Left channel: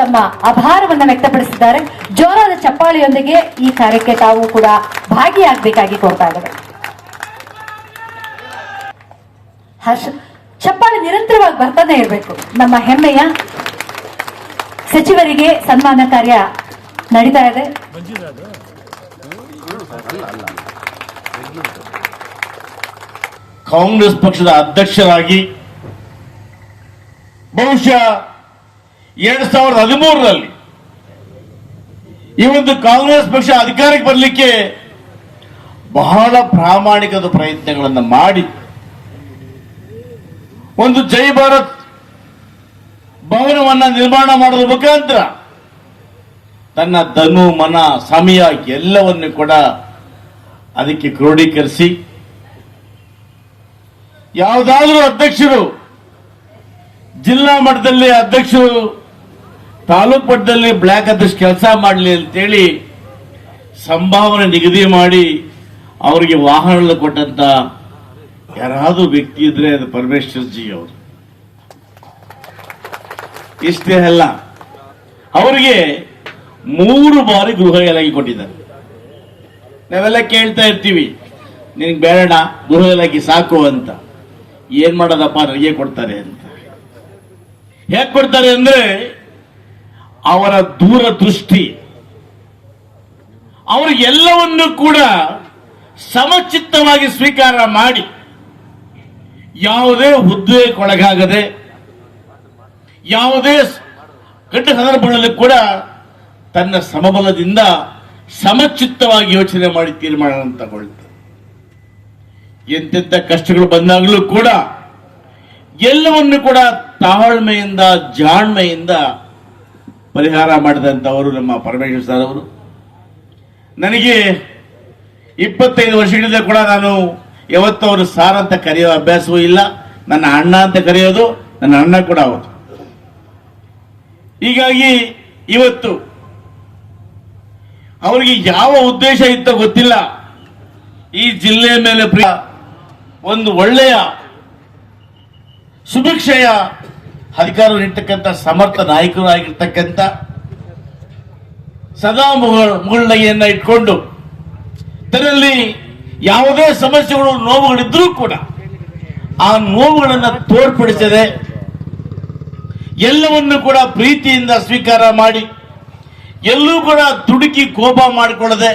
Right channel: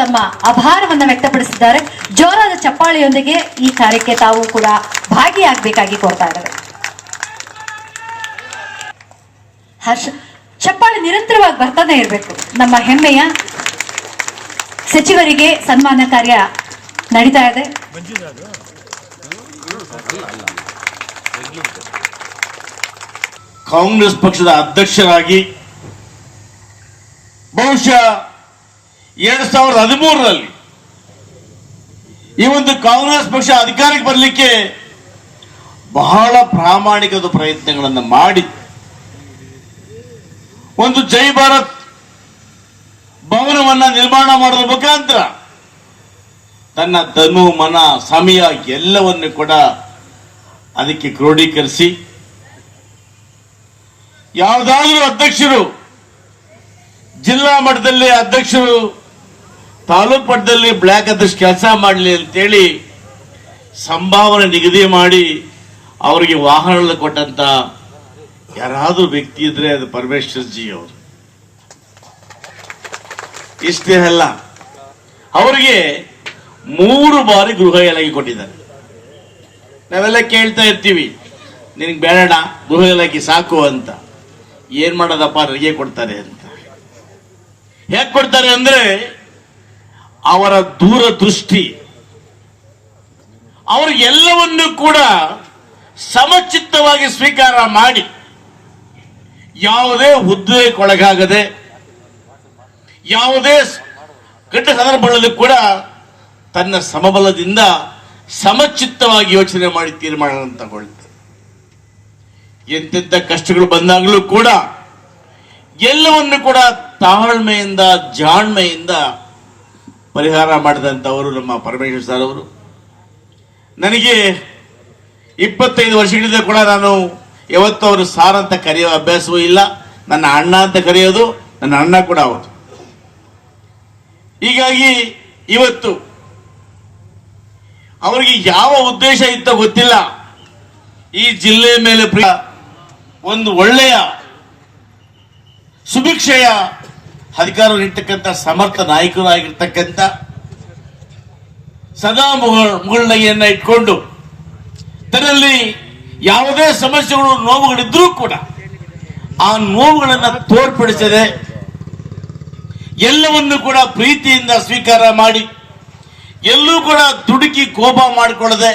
ತಮ್ಮ ಆಭಾರವನ್ನು ವ್ಯಕ್ತಪಡಿಸಿದ್ದಾರೆ. ಜೋರಾದ ಚಪ್ಪಾಳೆಯೊಂದಿಗೆ ಈ ಕಾರ್ಯಕ್ಕೆ ತಾವು ಕೂಡ ಭಾಗಿಯಾಗಬೇಕಾಗಿ ಕೋರ್ತಾ ಇದ್ದಾರೆ. ಹರ್ಷ, ಚಪ್ಪಾಳೆ ನಿರಂತರವಾಗಿ ಬರ್ತಾನೆ ಇರಬೇಕು. ನಮ್ಮ ಹೆಮ್ಮೆಯ ಸಚಿವರಿಗೆ ಸನ್ಮಾನ ಕಾರ್ಯ ನಡೀತಾ ಇದೆ. ಕಾಂಗ್ರೆಸ್ ಪಕ್ಷದ ಅಧ್ಯಕ್ಷರಾಗಿ ಬಹುಶಃ 2013ರಲ್ಲಿ ಈ ಒಂದು ಕಾಂಗ್ರೆಸ್ ಪಕ್ಷ ಅಧಿಕಾರಕ್ಕೆ ಬರಲಿಕ್ಕೆ ಬಹಳ ಪ್ರಾಮಾಣಿಕದ ಪ್ರಯತ್ನಗಳನ್ನು ಮಾಡಿ ಒಂದು ಜೈ ಭಾರತ್ ಭವನವನ್ನ ನಿರ್ಮಾಣ ಮಾಡೋದ್ರ ಮುಖಾಂತರ ತನ್ನ ಧನು ಮನ ಸಮಯ ಎಲ್ಲವನ್ನು ಕೂಡ ಅದಕ್ಕೆ ಕ್ರೋಢೀಕರಿಸಿ ಯಾವುದಾದ್ರೂ ಅಧ್ಯಕ್ಷರು ಜಿಲ್ಲಾ ಮಟ್ಟದಲ್ಲಿ ಅಧ್ಯಕ್ಷರು ತಾಲೂಕು ಮಟ್ಟದಲ್ಲಿ ಬ್ಲಾಕ್ ಅಧ್ಯಕ್ಷ ಕೆಲಸ ಮಾಡಲಿ ಅಂತೇಳಿ ಸಂಭಾವನೆ ನಿಗದಿ ಮಾಡಿ ಅವರಿಗೆ ವಾಹನ ಕೊಟ್ಟಂತ ಯಾರಾದ್ರೂ ವ್ಯಕ್ತಿ ಇದ್ರೆ ಅದು ಪರಮೇಶ್ವರ್ ಜಿ ಅವರು. ಇಷ್ಟೇ ಅಲ್ಲ, ಅವರಿಗೆ 3 ಬಾರಿ ಗೃಹ ಇಲಾಖೆ ಕೊಟ್ಟಿದ್ದಾರೆ. ನಾವೆಲ್ಲ ಕೇಳ್ತಾ ಇರ್ತೀವಿ, ನಿನಗೆ ಬೇಡ ಗೃಹ ಇಲಾಖೆ ಸಾಕು ಅಂತ. ಏನ್ ಮಾಡೋದಪ್ಪ, ನನಗೆ ಕೊಡ್ತಾರೆ ಅಂತ. ಹೇಗೆ ಕೊಡ್ತಾರೆ ಅಂದ್ರೆ ಅವರ ದೂರದೃಷ್ಟಿ, ಅವ್ರಿಗೆಲ್ಲವನ್ನೂ ಕೂಡ ಸಮಚಿತ್ತವಾಗಿ ಸ್ವೀಕಾರ ಮಾಡಿ ಯಾವುದೇ ಹುದ್ದೆಗೊಳಗಾಗದೆ ಯಾವುದೇ ಕೆಟ್ಟ ಸಂದರ್ಭಗಳಲ್ಲಿ ಕೂಡ ತನ್ನ ಸಮಬಲದಿಂದ ಸಮಚಿತ್ತವಾಗಿ ಯೋಚನೆ ಮಾಡಿ ತೀರ್ಮಾನ ತಗೊಳ್ತಾರೆ. ಎಂತೆಂಥ ಕಷ್ಟಗಳು ಬಂದಾಗಲೂ ಕೂಡ ಎಲ್ಲವನ್ನು ಕೂಡ ತಾಳ್ಮೆಯಿಂದ ಜಾಣ್ಮೆಯಿಂದ ಪರಿಹಾರ ಮಾಡಿದಂಥವರು ನಮ್ಮ ಪರಮೇಶ್ವರ್ ಸರ್ ಅವರು. ನನಗೆ 25 ವರ್ಷಗಳಿಂದ ಕೂಡ ನಾನು ಯಾವತ್ತೂ ಅವರು ಸಾರ್ ಅಂತ ಕರೆಯೋ ಅಭ್ಯಾಸವೂ ಇಲ್ಲ. ನನ್ನ ಅಣ್ಣ ಅಂತ ಕರೆಯೋದು ನನ್ನ ಅಣ್ಣ ಕೂಡ ಅವರು. ಹೀಗಾಗಿ ಇವತ್ತು ಅವರಿಗೆ ಯಾವ ಉದ್ದೇಶ ಇತ್ತೋ ಗೊತ್ತಿಲ್ಲ, ಈ ಜಿಲ್ಲೆಯ ಮೇಲೆ ಒಂದು ಒಳ್ಳೆಯ ಸುಭಿಕ್ಷೆಯ ಅಧಿಕಾರ ನೀಡ್ತಕ್ಕಂಥ ಸಮರ್ಥ ನಾಯಕರು ಆಗಿರ್ತಕ್ಕಂಥ ಸದಾ ಮುಗುಳ್ನಗೆಯನ್ನ ಇಟ್ಕೊಂಡು ತನ್ನಲ್ಲಿ ಯಾವುದೇ ಸಮಸ್ಯೆಗಳು ನೋವುಗಳಿದ್ರೂ ಕೂಡ ಆ ನೋವುಗಳನ್ನು ತೋರ್ಪಡಿಸದೆ ಎಲ್ಲವನ್ನು ಕೂಡ ಪ್ರೀತಿಯಿಂದ ಸ್ವೀಕಾರ ಮಾಡಿ ಎಲ್ಲೂ ಕೂಡ ದುಡುಕಿ ಕೋಪ ಮಾಡಿಕೊಳ್ಳದೆ,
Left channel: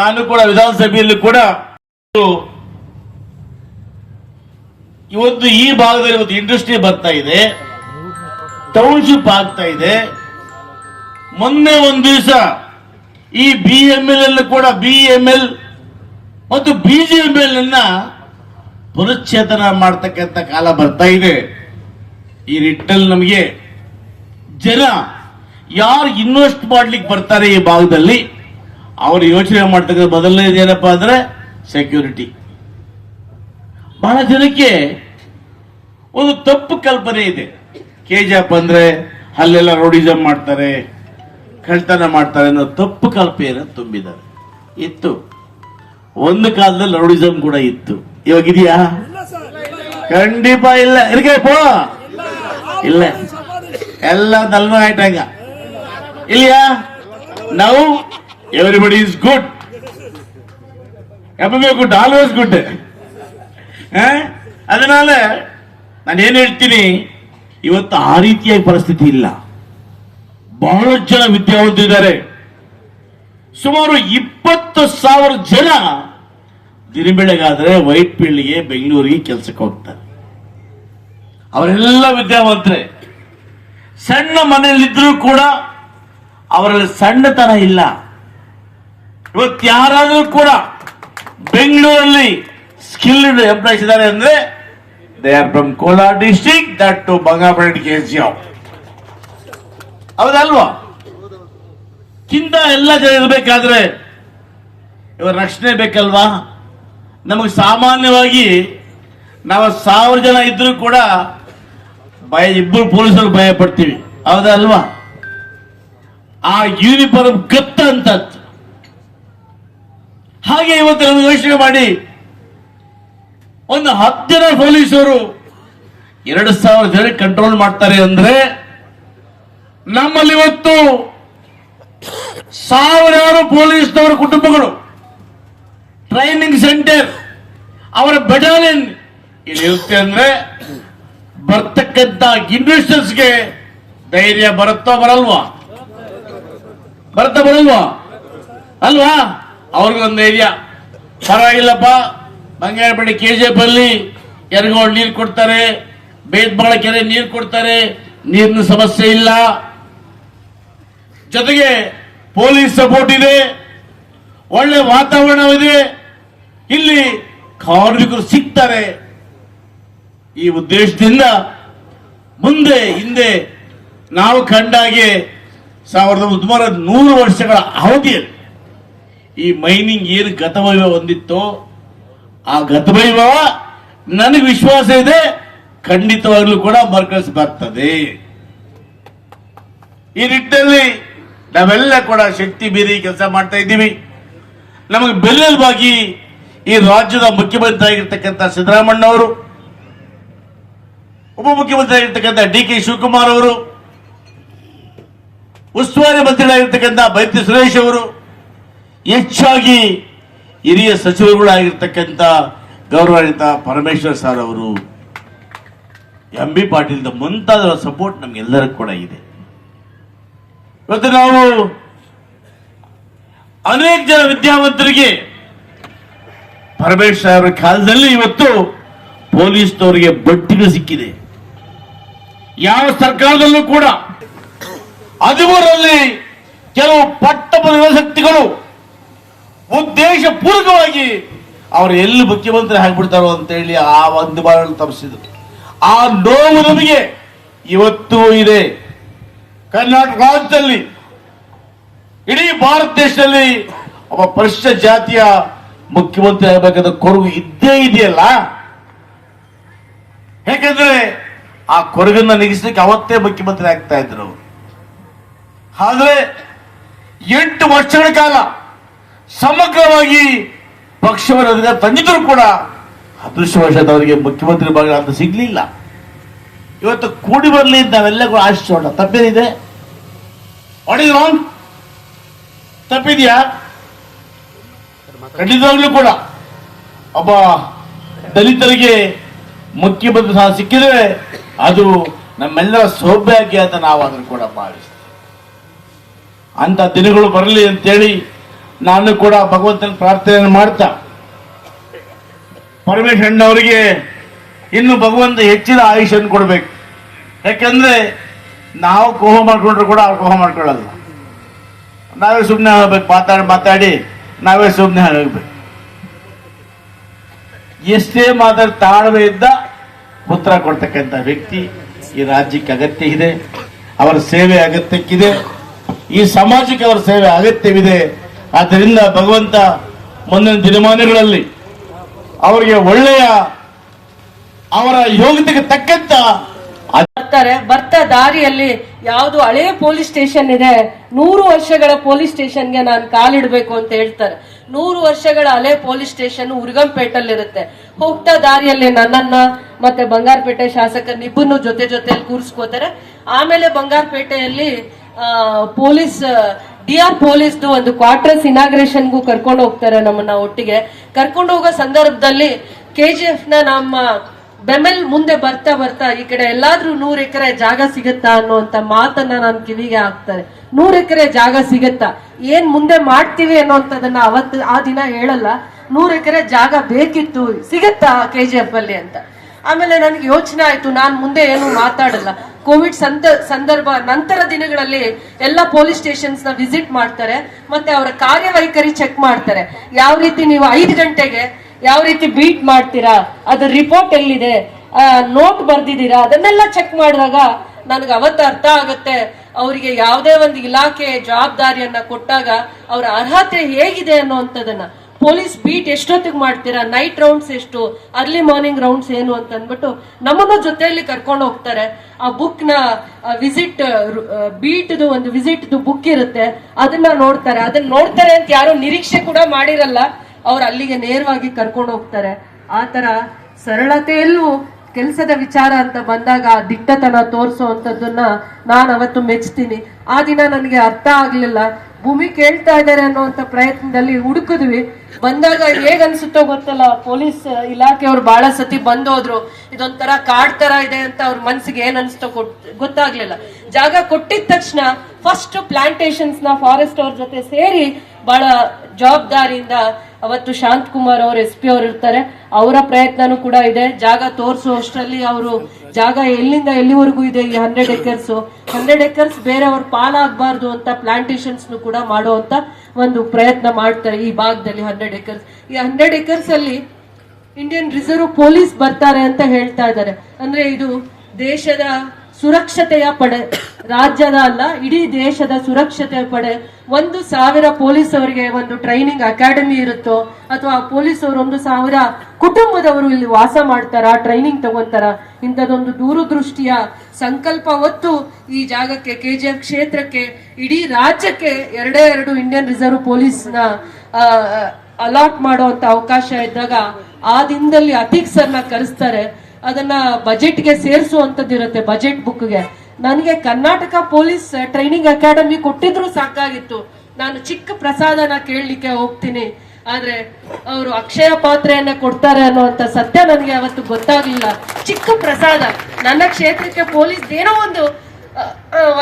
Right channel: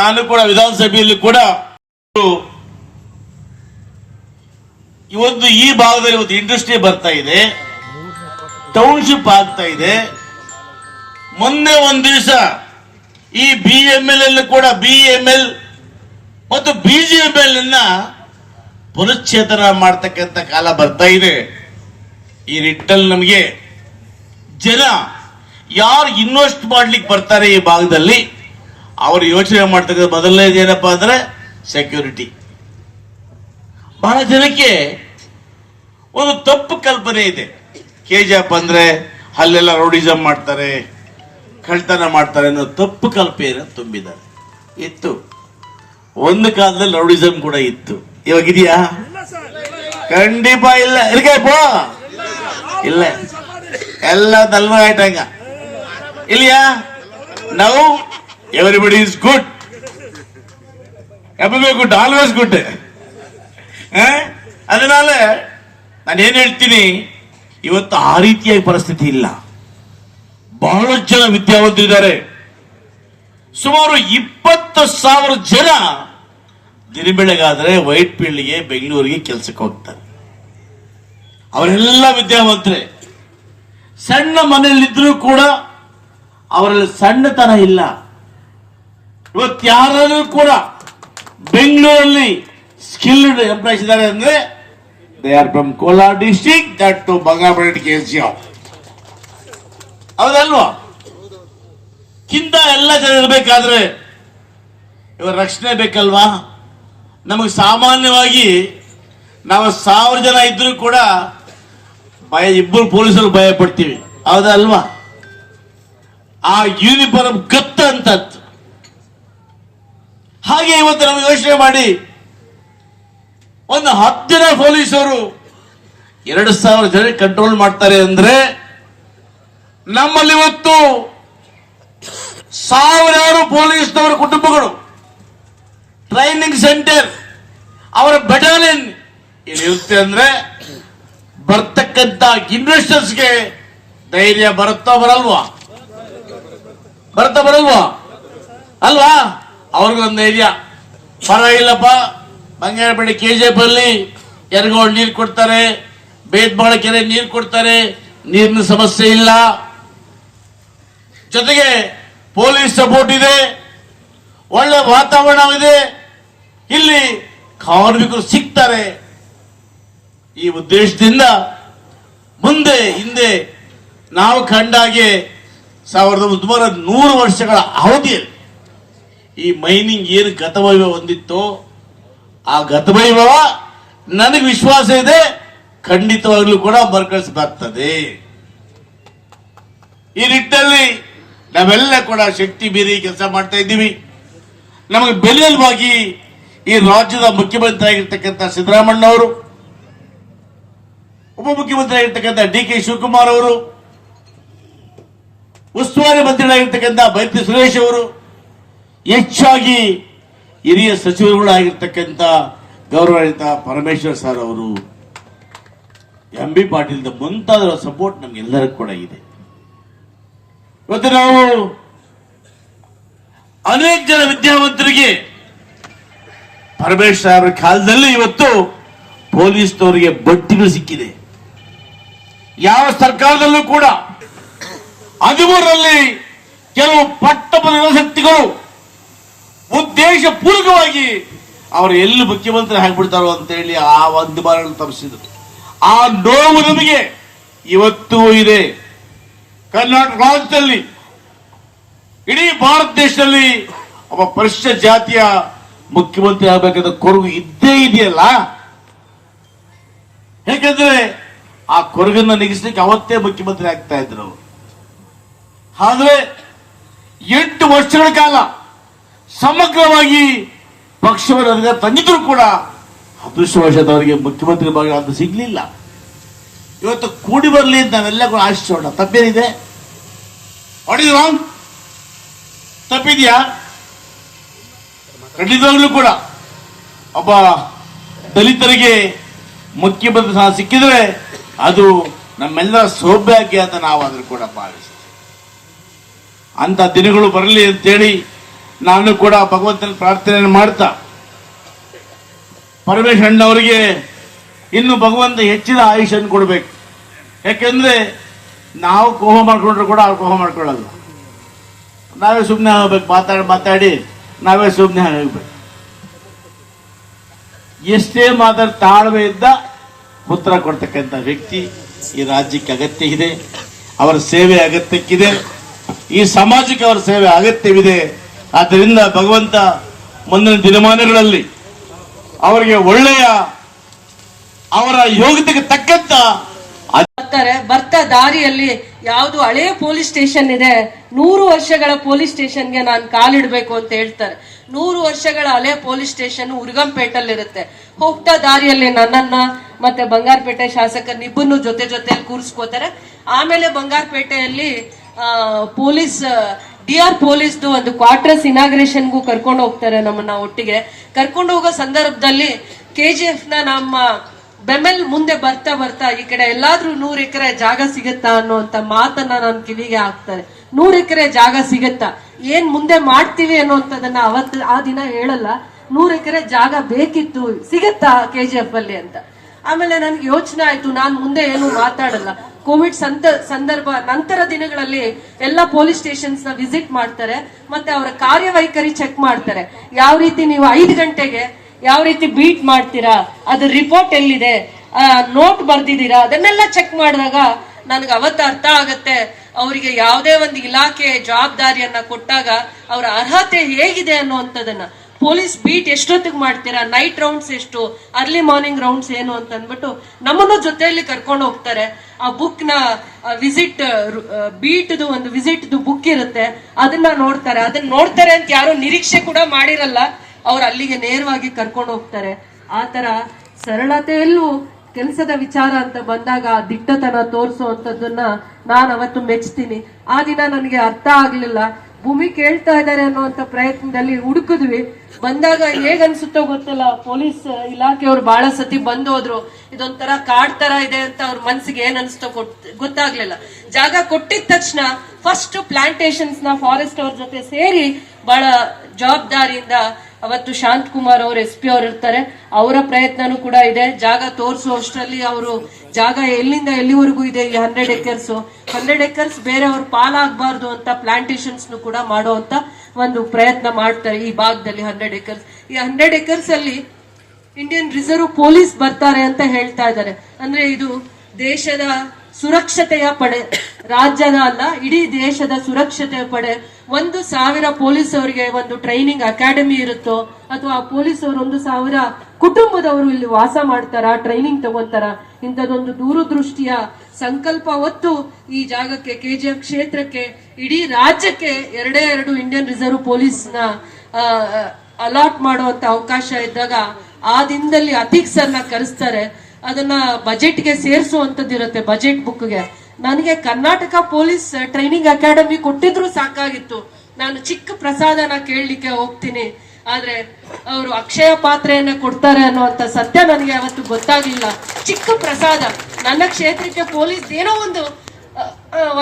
ನಾನು ಕೂಡ ವಿಧಾನಸಭೆಯಲ್ಲಿ ಕೂಡ ಇವತ್ತು ಈ ಭಾಗದಲ್ಲಿ ಇವತ್ತು ಇಂಡಸ್ಟ್ರಿ ಬರ್ತಾ ಇದೆ, ಟೌನ್ಶಿಪ್ ಆಗ್ತಾ ಇದೆ. ಮೊನ್ನೆ ಒಂದು ದಿವಸ ಈ BML ಕೂಡ BML ಮತ್ತು BGML ಅನ್ನ ಪುನಶ್ಚೇತನ ಮಾಡತಕ್ಕಂಥ ಕಾಲ ಬರ್ತಾ ಇದೆ. ಈ ನಿಟ್ಟಲ್ಲಿ ನಮಗೆ ಜನ ಯಾರು ಇನ್ವೆಸ್ಟ್ ಮಾಡ್ಲಿಕ್ಕೆ ಬರ್ತಾರೆ ಈ ಭಾಗದಲ್ಲಿ ಅವರು ಯೋಚನೆ ಮಾಡ್ತಕ್ಕಂಥ ಮೊದಲನೇದು ಏನಪ್ಪಾ ಅಂದ್ರೆ ಸೆಕ್ಯೂರಿಟಿ. ಬಹಳ ಜನಕ್ಕೆ ಒಂದು ತಪ್ಪು ಕಲ್ಪನೆ ಇದೆ. KGF ಅಂದ್ರೆ ಅಲ್ಲೆಲ್ಲ ರೌಡಿಸಂ ಮಾಡ್ತಾರೆ, ಕಳ್ತನ ಮಾಡ್ತಾರೆ ಅನ್ನೋ ತಪ್ಪು ಕಲ್ಪನೆ ತುಂಬಿದ್ದಾರೆ. ಇತ್ತು, ಒಂದು ಕಾಲದಲ್ಲಿ ರೌಡಿಸಂ ಕೂಡ ಇತ್ತು. ಇವಾಗ ಇದೆಯಾ? ಖಂಡಿತ ಇಲ್ಲ. ಇಲ್ಲ, ಎಲ್ಲ ದಲ್ಮಾಯ್ತಂಗ ಇಲ್ಲಿಯಾ? ನಾವು everybody is good, good, always good. ಅದನಾல ನಾನೇನ್ ಹೇಳ್ತೀನಿ, ಇವತ್ತು ಆ ರೀತಿಯಾಗಿ ಪರಿಸ್ಥಿತಿ ಇಲ್ಲ. ಬಹಳಷ್ಟು ಜನ ವಿದ್ಯಾವಂತರಿದ್ದಾರೆ. ಸುಮಾರು 20,000 ಜನ ದಿನ ಬೆಳಗಾದ್ರೆ ವೈಟ್ ಫೀಲ್ಡ್ಗೆ ಬೆಂಗಳೂರಿಗೆ ಕೆಲಸಕ್ಕೆ ಹೋಗ್ತಾರೆ. ಅವರೆಲ್ಲ ವಿದ್ಯಾವಂತರೇ. ಸಣ್ಣ ಮನೆಯಲ್ಲಿದ್ರೂ ಕೂಡ ಅವರಲ್ಲಿ ಸಣ್ಣತನ ಇಲ್ಲ. ಇವತ್ತು ಯಾರಾದ್ರೂ ಕೂಡ ಬೆಂಗಳೂರಲ್ಲಿ ಸ್ಕಿಲ್ಡ್ ಎಂಪ್ಲಾಯ್ಸ್ ಇದ್ದಾರೆ ಅಂದ್ರೆ they are from Kolar district, that too Bangarapete KGF. ಹೌದಲ್ವಾ? ಕಿಂತ ಎಲ್ಲ ಜನ ಇರಬೇಕಾದ್ರೆ ಇವಾಗ ರಕ್ಷಣೆ ಬೇಕಲ್ವಾ? ನಮಗೆ ಸಾಮಾನ್ಯವಾಗಿ ನಾವು 1000 ಜನ ಇದ್ರೂ ಕೂಡ ಇಬ್ಬರು ಪೊಲೀಸರು ಭಯ ಪಡ್ತೀವಿ, ಹೌದಲ್ವಾ? ಆ ಯೂನಿಫಾರ್ಮ್ ಗತ್ತ ಅಂತ. ಹಾಗೆ ಇವತ್ತು ನಮಗೆ ಯೋಚನೆ ಮಾಡಿ ಒಂದು 10 ಜನ ಪೊಲೀಸರು 2,000 ಜನ ಕಂಟ್ರೋಲ್ ಮಾಡ್ತಾರೆ ಅಂದ್ರೆ ನಮ್ಮಲ್ಲಿ ಇವತ್ತು ಸಾವಿರಾರು ಪೊಲೀಸ್ನವರ ಕುಟುಂಬಗಳು ಟ್ರೈನಿಂಗ್ ಸೆಂಟರ್ ಅವರ ಬೆಟಾಲಿಯನ್ ಇಲ್ಲಿರುತ್ತೆ ಅಂದ್ರೆ ಬರ್ತಕ್ಕಂತ ಇನ್ವೆಸ್ಟರ್ಸ್ಗೆ ಧೈರ್ಯ ಬರುತ್ತಾ ಬರಲ್ವಾ? ಬರಲ್ವಾ? ಅಲ್ವಾ? ಅವ್ರಿಗೊಂದು ಧೈರ್ಯ, ಪರವಾಗಿಲ್ಲಪ್ಪ, ಬಂಗಾರಪೇಟೆ ಕೆಜಿಎಫ್ ಅಲ್ಲಿ ಎರಗೋಳು ನೀರು ಕೊಡ್ತಾರೆ, ಬೇದ್ಮಾಳ ಕೆರೆ ನೀರು ಕೊಡ್ತಾರೆ, ನೀರಿನ ಸಮಸ್ಯೆ ಇಲ್ಲ, ಜೊತೆಗೆ ಪೊಲೀಸ್ ಸಪೋರ್ಟ್ ಇದೆ, ಒಳ್ಳೆ ವಾತಾವರಣವಿದೆ, ಇಲ್ಲಿ ಕಾರ್ಮಿಕರು ಸಿಗ್ತಾರೆ. ಈ ಉದ್ದೇಶದಿಂದ ಮುಂದೆ ಹಿಂದೆ ನಾವು ಕಂಡಾಗೆ 1900 ವರ್ಷಗಳ ಅವಧಿಯಲ್ಲಿ ಈ ಮೈನಿಂಗ್ ಏನು ಗತವೈಭವ ಹೊಂದಿತ್ತೋ ಆ ಗತವೈಭವ ನನಗೆ ವಿಶ್ವಾಸ ಇದೆ ಖಂಡಿತವಾಗ್ಲೂ ಕೂಡ ಮರುಕಳಿಸಿ ಬರ್ತದೆ. ಈ ನಿಟ್ಟಿನಲ್ಲಿ ನಾವೆಲ್ಲ ಕೂಡ ಶಕ್ತಿ ಮೀರಿ ಕೆಲಸ ಮಾಡ್ತಾ ಇದ್ದೀವಿ. ನಮಗೆ ಬೆನ್ನೆಲುಬಾಗಿ ಈ ರಾಜ್ಯದ ಮುಖ್ಯಮಂತ್ರಿ ಆಗಿರ್ತಕ್ಕಂಥ ಸಿದ್ದರಾಮಣ್ಣ ಅವರು, ಉಪಮುಖ್ಯಮಂತ್ರಿ ಆಗಿರ್ತಕ್ಕಂಥ DK ಶಿವಕುಮಾರ್ ಅವರು, ಉಸ್ತುವಾರಿ ಮಂತ್ರಿಗಳಾಗಿರ್ತಕ್ಕಂಥ ಬೈರತಿ ಸುರೇಶ್ ಅವರು, ಹೆಚ್ಚಾಗಿ ಹಿರಿಯ ಸಚಿವರುಗಳಾಗಿರ್ತಕ್ಕಂಥ ಗೌರವಾನ್ವಿತ ಪರಮೇಶ್ವರ್ ಸರ್ ಅವರು, MB ಪಾಟೀಲ್ ಮುಂತಾದವರ ಸಪೋರ್ಟ್ ನಮ್ಗೆಲ್ಲರಿಗೂ ಕೂಡ ಇದೆ. ಇವತ್ತು ನಾವು ಅನೇಕ ಜನ ವಿದ್ಯಾವಂತರಿಗೆ ಪರಮೇಶ್ವರ್ ಅವರ ಕಾಲದಲ್ಲಿ ಇವತ್ತು ಪೊಲೀಸ್ನವರಿಗೆ ಬಡ್ತಿಗಳು ಸಿಕ್ಕಿದೆ. ಯಾವ ಸರ್ಕಾರದಲ್ಲೂ ಕೂಡ 13ರಲ್ಲಿ ಕೆಲವು ಪಟ್ಟಪದ ಯುವಶಕ್ತಿಗಳು ಉದ್ದೇಶ ಪೂರ್ವಕವಾಗಿ ಅವರು ಎಲ್ಲಿ ಮುಖ್ಯಮಂತ್ರಿ ಆಗ್ಬಿಡ್ತಾರೋ ಅಂತ ಹೇಳಿ ಆ ಒಂದು ಬಾರ ತಪ್ಪಿಸಿದ್ರು. ಆ ನೋವು ನಮಗೆ ಇವತ್ತೂ ಇದೆ. ಕರ್ನಾಟಕ ರಾಜ್ಯದಲ್ಲಿ, ಇಡೀ ಭಾರತ ದೇಶದಲ್ಲಿ ಒಬ್ಬ ಪರಿಶಿಷ್ಟ ಜಾತಿಯ ಮುಖ್ಯಮಂತ್ರಿ ಆಗಬೇಕಾದ ಕೊರಗು ಇದ್ದೇ ಇದೆಯಲ್ಲ. ಯಾಕಂದ್ರೆ ಆ ಕೊರಗನ್ನ ನಿಗಿಸ್ಲಿಕ್ಕೆ ಅವತ್ತೇ ಮುಖ್ಯಮಂತ್ರಿ ಆಗ್ತಾ ಇದ್ರು. ಆದ್ರೆ 8 ವರ್ಷಗಳ ಕಾಲ ಸಮಗ್ರವಾಗಿ ಪಕ್ಷವನ್ನು ತಂದಿದ್ರು ಕೂಡ ಅದೃಷ್ಟವಶದವರಿಗೆ ಮುಖ್ಯಮಂತ್ರಿ ಭಾಗ ಅಂತ ಸಿಗ್ಲಿಲ್ಲ. ಇವತ್ತು ಕೂಡಿ ಬರಲಿ ಅಂತ ನಾವೆಲ್ಲ ಕೂಡ ಆಶಿಸೋಣ. ತಪ್ಪೇನಿದೆ? What is wrong? ತಪ್ಪಿದ್ಯಾ? ಖಂಡಿತವಾಗ್ಲೂ ಕೂಡ ಒಬ್ಬ ದಲಿತರಿಗೆ ಮುಖ್ಯಮಂತ್ರಿ ಸಹ ಸಿಕ್ಕಿದ್ರೆ ಅದು ನಮ್ಮೆಲ್ಲರ ಸೌಭಾಗ್ಯ ಅಂತ ನಾವಾದ್ರೂ ಕೂಡ ಭಾವಿಸ್ತೀವಿ. ಅಂತ ದಿನಗಳು ಬರಲಿ ಅಂತೇಳಿ ನಾನು ಕೂಡ ಭಗವಂತನ ಪ್ರಾರ್ಥನೆ ಮಾಡ್ತಾ, ಪರಮೇಶ್ವರಣ್ಣ ಅವರಿಗೆ ಇನ್ನು ಭಗವಂತ ಹೆಚ್ಚಿನ ಆಯುಷ್ಯನ್ನು ಕೊಡಬೇಕು. ಯಾಕೆಂದ್ರೆ ನಾವು ಕೋಹ ಮಾಡ್ಕೊಂಡ್ರು ಕೂಡ ಅವ್ರು ಕೋಹ ಮಾಡ್ಕೊಳ್ಳಲ್ಲ. ನಾವೇ ಸುಮ್ಮನೆ ಹೋಗ್ಬೇಕು, ಮಾತಾಡಿ ನಾವೇ ಸುಮ್ಮನೆ ಹೋಗ್ಬೇಕು. ಎಷ್ಟೇ ತಾಳ್ಮೆ ಇದ್ದ ಉತ್ತರ ಕೊಡ್ತಕ್ಕಂಥ ವ್ಯಕ್ತಿ ಈ ರಾಜ್ಯಕ್ಕೆ ಅಗತ್ಯ ಇದೆ. ಅವರ ಸೇವೆ ಅಗತ್ಯಕ್ಕಿದೆ. ಈ ಸಮಾಜಕ್ಕೆ ಅವರ ಸೇವೆ ಅಗತ್ಯವಿದೆ. ಆದ್ದರಿಂದ ಭಗವಂತ ಮುಂದಿನ ದಿನಮಾನಗಳಲ್ಲಿ ಅವರಿಗೆ ಒಳ್ಳೆಯ ಅವರ ಯೋಗ್ಯತೆಗೆ ತಕ್ಕಂತ ಬರ್ತಾ ದಾರಿಯಲ್ಲಿ ಯಾವ್ದು ಹಳೆ ಪೊಲೀಸ್ ಸ್ಟೇಷನ್ ಇದೆ, 100 ವರ್ಷಗಳ ಪೊಲೀಸ್ ಸ್ಟೇಷನ್ಗೆ ನಾನು ಕಾಲಿಡ್ಬೇಕು ಅಂತ ಹೇಳ್ತಾರೆ. 100 ವರ್ಷಗಳ ಹಳೆ ಪೊಲೀಸ್ ಸ್ಟೇಷನ್ ಉರ್ಗಂಪೇಟಲ್ಲಿ ಇರುತ್ತೆ. ಹೋಗ್ತಾ ದಾರಿಯಲ್ಲಿ ನನ್ನನ್ನ ಮತ್ತೆ ಬಂಗಾರಪೇಟೆ ಶಾಸಕರನ್ನಿಬ್ಬರನ್ನು ಜೊತೆಯಲ್ಲಿ ಕೂರಿಸ್ಕೋತಾರೆ. ಆಮೇಲೆ ಬಂಗಾರಪೇಟೆಯಲ್ಲಿ ಪೊಲೀಸ್ DR ಪೊಲೀಸ್ದು ಒಂದು ಕ್ವಾರ್ಟರ್ಸ್ ಇನಾಗ್ರೇಷನ್ಗೂ ಕರ್ಕೊಂಡು ಹೋಗ್ತಾರೆ. ನಮ್ಮನ್ನ ಒಟ್ಟಿಗೆ ಕರ್ಕೊಂಡು ಹೋಗೋ ಸಂದರ್ಭದಲ್ಲಿ KGF ನ ನಮ್ಮ ಬೆಮೆಲ್ ಮುಂದೆ ಬರ್ತಾ ಈ ಕಡೆ ಎಲ್ಲಾದ್ರೂ 100 ಎಕರೆ ಜಾಗ ಸಿಗುತ್ತಾ ಅನ್ನುವಂತ ಮಾತನ್ನ ನನ್ನ ಕಿವಿಗೆ ಹಾಕ್ತಾರೆ. 100 ಎಕರೆ ಜಾಗ ಸಿಗುತ್ತಾ, ಏನ್ ಮುಂದೆ ಮಾಡ್ತೀವಿ ಅನ್ನೋಂಥದನ್ನ ಅವತ್ತು ಆ ದಿನ ಹೇಳಲ್ಲ. 100 ಎಕರೆ ಜಾಗ ಬೇಕಿತ್ತು, ಸಿಗತ್ತಾ KGF ಅಲ್ಲಿ ಅಂತ. ಆಮೇಲೆ ನನ್ಗೆ ಯೋಚನೆ ಆಯ್ತು, ನಾನ್ ಮುಂದೆ ಏನು ಮಾತಾಡಲ್ಲ. ಕೋವಿಡ್ ಸಂದರ್ಭ ನಂತರ ದಿನಗಳಲ್ಲಿ ಎಲ್ಲ ಪೊಲೀಸ್ ಸ್ಟೇಷನ್ಸ್ ನ ವಿಸಿಟ್ ಮಾಡ್ತಾರೆ, ಮತ್ತೆ ಅವರ ಕಾರ್ಯವೈಖರಿ ಚೆಕ್ ಮಾಡ್ತಾರೆ. ಯಾವ ರೀತಿ ನೀವು 5 ಗಂಟೆಗೆ ಯಾವ ರೀತಿ ಬೀಟ್ ಮಾಡ್ತೀರಾ, ಅದ್ರ ರಿಪೋರ್ಟ್ ಎಲ್ಲಿದೆ, ನೋಟ್ ಬರ್ದಿದ್ದೀರಾ, ಅದನ್ನೆಲ್ಲ ಚೆಕ್ ಮಾಡಿದಾಗ ನನಗೆ ಅವತ್ತು ಅರ್ಥ ಆಗತ್ತೆ ಅವರಿಗೆ ಯಾವುದೇ ಒಂದು ಇಲಾಖೆ ಜವಾಬ್ದಾರಿಯನ್ನ ಕೊಟ್ಟಾಗ ಅವರ ಅರ್ಹತೆ ಹೇಗಿದೆ ಅನ್ನುವಂಥದ್ದನ್ನ. ಪೊಲೀಸ್ ಬೀಟ್ ಎಷ್ಟೊತ್ತಿಗೆ ಮಾಡ್ತೀರಾ, ನೈಟ್ ರೌಂಡ್ಸ್ ಎಷ್ಟು, ಅರ್ಲಿ ಮಾರ್ನಿಂಗ್ ರೌಂಡ್ಸ್ ಏನು ಅಂತ ಅಂದ್ಬಿಟ್ಟು ನಮ್ಮನ್ನು ಜೊತೆಯಲ್ಲಿ ಕರ್ಕೊಂಡು ಹೋಗ್ತಾರೆ. ಆ ಬುಕ್ ನ ವಿಸಿಟ್ ಬೀಟ್ ಒಂದು ವಿಸಿಟ್ ಬುಕ್ ಇರುತ್ತೆ, ಅದನ್ನ ನೋಡ್ತಾರೆ ಅಂತ ಯಾರು ನಿರೀಕ್ಷೆ ಕೂಡ ಮಾಡಿರಲ್ಲ. ಅವ್ರು ಅಲ್ಲಿಗೆ ನೇರವಾಗಿ ಕರ್ಕೊಂಡು ಹೋಗ್ತಾರೆ. ಆ ತರ ಸರಳತೆಯಲ್ಲೂ ಕೆಲಸದ ವಿಚಾರ ಅಂತ ಬಂದಾಗ ಆ ದಿಟ್ಟತನ ತೋರಿಸುವಂತದ್ದನ್ನ ನಾನು ಅವತ್ತು ಮೆಚ್ತೀನಿ. ಆ ದಿನ ನನಗೆ ಅರ್ಥ ಆಗ್ಲಿಲ್ಲ, ಭೂಮಿ ಕೇಳ್ತಾ ಇದ್ದಾರೆ ಅನ್ನುವಂತ ಪ್ರಯತ್ನದಲ್ಲಿ ಹುಡುಕಿದ್ವಿ. ಬಂದಾಗ ಹೇಗ್ ಅನ್ಸುತ್ತೋ ಗೊತ್ತಲ್ಲ, ಪೊಲೀಸ್ ಇಲಾಖೆಯವ್ರು ಬಹಳ ಸತಿ ಬಂದೋದ್ರು, ಇದೊಂಥರ ಕಾಡ್ ತರ ಇದೆ ಅಂತ ಅವ್ರ ಮನ್ಸಿಗೆ ಏನ್ ಅನ್ಸ್ತೋ ಗೊತ್ತಾಗ್ಲಿಲ್ಲ. ಜಾಗ ಕೊಟ್ಟಿದ ತಕ್ಷಣ ಫಸ್ಟ್ ಪ್ಲಾಂಟೇಶನ್ಸ್ ನ ಫಾರೆಸ್ಟ್ ಅವ್ರ ಜೊತೆ ಸೇರಿ ಬಹಳ ಜವಾಬ್ದಾರಿಯಿಂದ ಅವತ್ತು ಶಾಂತ್ ಕುಮಾರ್ ಅವರು SP ಅವ್ರು ಇರ್ತಾರೆ, ಅವರ ಪ್ರಯತ್ನನೂ ಕೂಡ ಇದೆ. ಜಾಗ ತೋರಿಸುವಷ್ಟರಲ್ಲಿ ಅವರು ಜಾಗ ಎಲ್ಲಿಂದ ಎಲ್ಲಿವರೆಗೂ ಇದೆ ಈ 100 ಎಕರ್ಸ್ ಬೇರೆಯವ್ರ ಪಾಲಾಗಬಾರ್ದು ಅಂತ ಪ್ಲಾಂಟೇಶನ್ಸ್ ಕೂಡ ಮಾಡುವಂತ ಒಂದು ಪ್ರಯತ್ನ ಮಾಡ್ತಾರೆ ಈ ಭಾಗದಲ್ಲಿ. 100 ಎಕರ್ಸ್, ಈ 100 ಎಕರ್ಸ್ ಅಲ್ಲಿ ಇಂಡಿಯನ್ ರಿಸರ್ವ್ ಪೊಲೀಸ್ ಬರ್ತಾರೆ ಅಂತ ಹೇಳ್ತಾ ಇದ್ದಾರೆ. ಅಂದ್ರೆ ಇದು ದೇಶದ ಸುರಕ್ಷತೆಯ ಪಡೆ, ರಾಜ್ಯದ ಅಲ್ಲ ಇಡೀ ದೇಶದ ಸುರಕ್ಷತೆಯ ಪಡೆ. 1,000 ಪೊಲೀಸ್ ಅವರಿಗೆ ಒಂದು ಟ್ರೈನಿಂಗ್ ಅಕಾಡೆಮಿ ಇರುತ್ತೋ, ಅಥವಾ ಪೊಲೀಸ್ ಅವರು 1,000 ಕುಟುಂಬದವರು ಇಲ್ಲಿ ವಾಸ ಮಾಡ್ತಾರ, ಟ್ರೈನಿಂಗ್ ತಗೊಂತಾರ, ಇಂಥದೊಂದು ದೂರದೃಷ್ಟಿಯ ಸಂಕಲ್ಪ ಹೊತ್ತು ಈ ಜಾಗಕ್ಕೆ, KGF ಕ್ಷೇತ್ರಕ್ಕೆ, ಇಡೀ ರಾಜ್ಯಕ್ಕೆ 2 ಇಂಡಿಯನ್ ರಿಸರ್ವ್ ಪೊಲೀಸ್ ನ ಅಲಾಟ್ ಮಾಡುವಂತ ಅವಕಾಶ ಇದ್ದಾಗ ಆ ದಿನದಲ್ಲಿ ಅತೀಕ್ ಸರ್ನ ಕರೆಸ್ತಾರೆ. ಅದನ್ನ ಬಜೆಟ್ಗೆ ಸೇರಿಸುವಂತದ್ದಿರುತ್ತೆ, ಬಜೆಟ್ ಬುಕ್ಗೆ. ನನಗೆ ಕರ್ನಾಟಕ ಪೊಲೀಸ್ ಟ್ರೈನಿಂಗ್ ಅಕಾಡೆಮಿ ಕೊಟ್ಟಿದ್ರು ಸಾಕಾಗಿತ್ತು, ನಾನು ಚಿಕ್ಕ ಪ್ರಸಾದನ ಕೇಳಲಿಕ್ಕೆ ಹೋಗ್ತೀನಿ, ಆದ್ರೆ ಅವರು ಅಕ್ಷಯ ಪಾತ್ರೆಯನ್ನ ಕೊಡ್ತಾರೆ ಅನ್ನುವಂತ ಸತ್ಯ ನನಗೆ ಅವತ್ತು ಗೊತ್ತಾಗ್ಲಿಲ್ಲ. ಚಿಕ್ಕ ಪ್ರಸಾದ, ನನ್ನ ಕ್ಷೇತ್ರಕ್ಕೆ ಪೊಲೀಸ್ ಏನೋ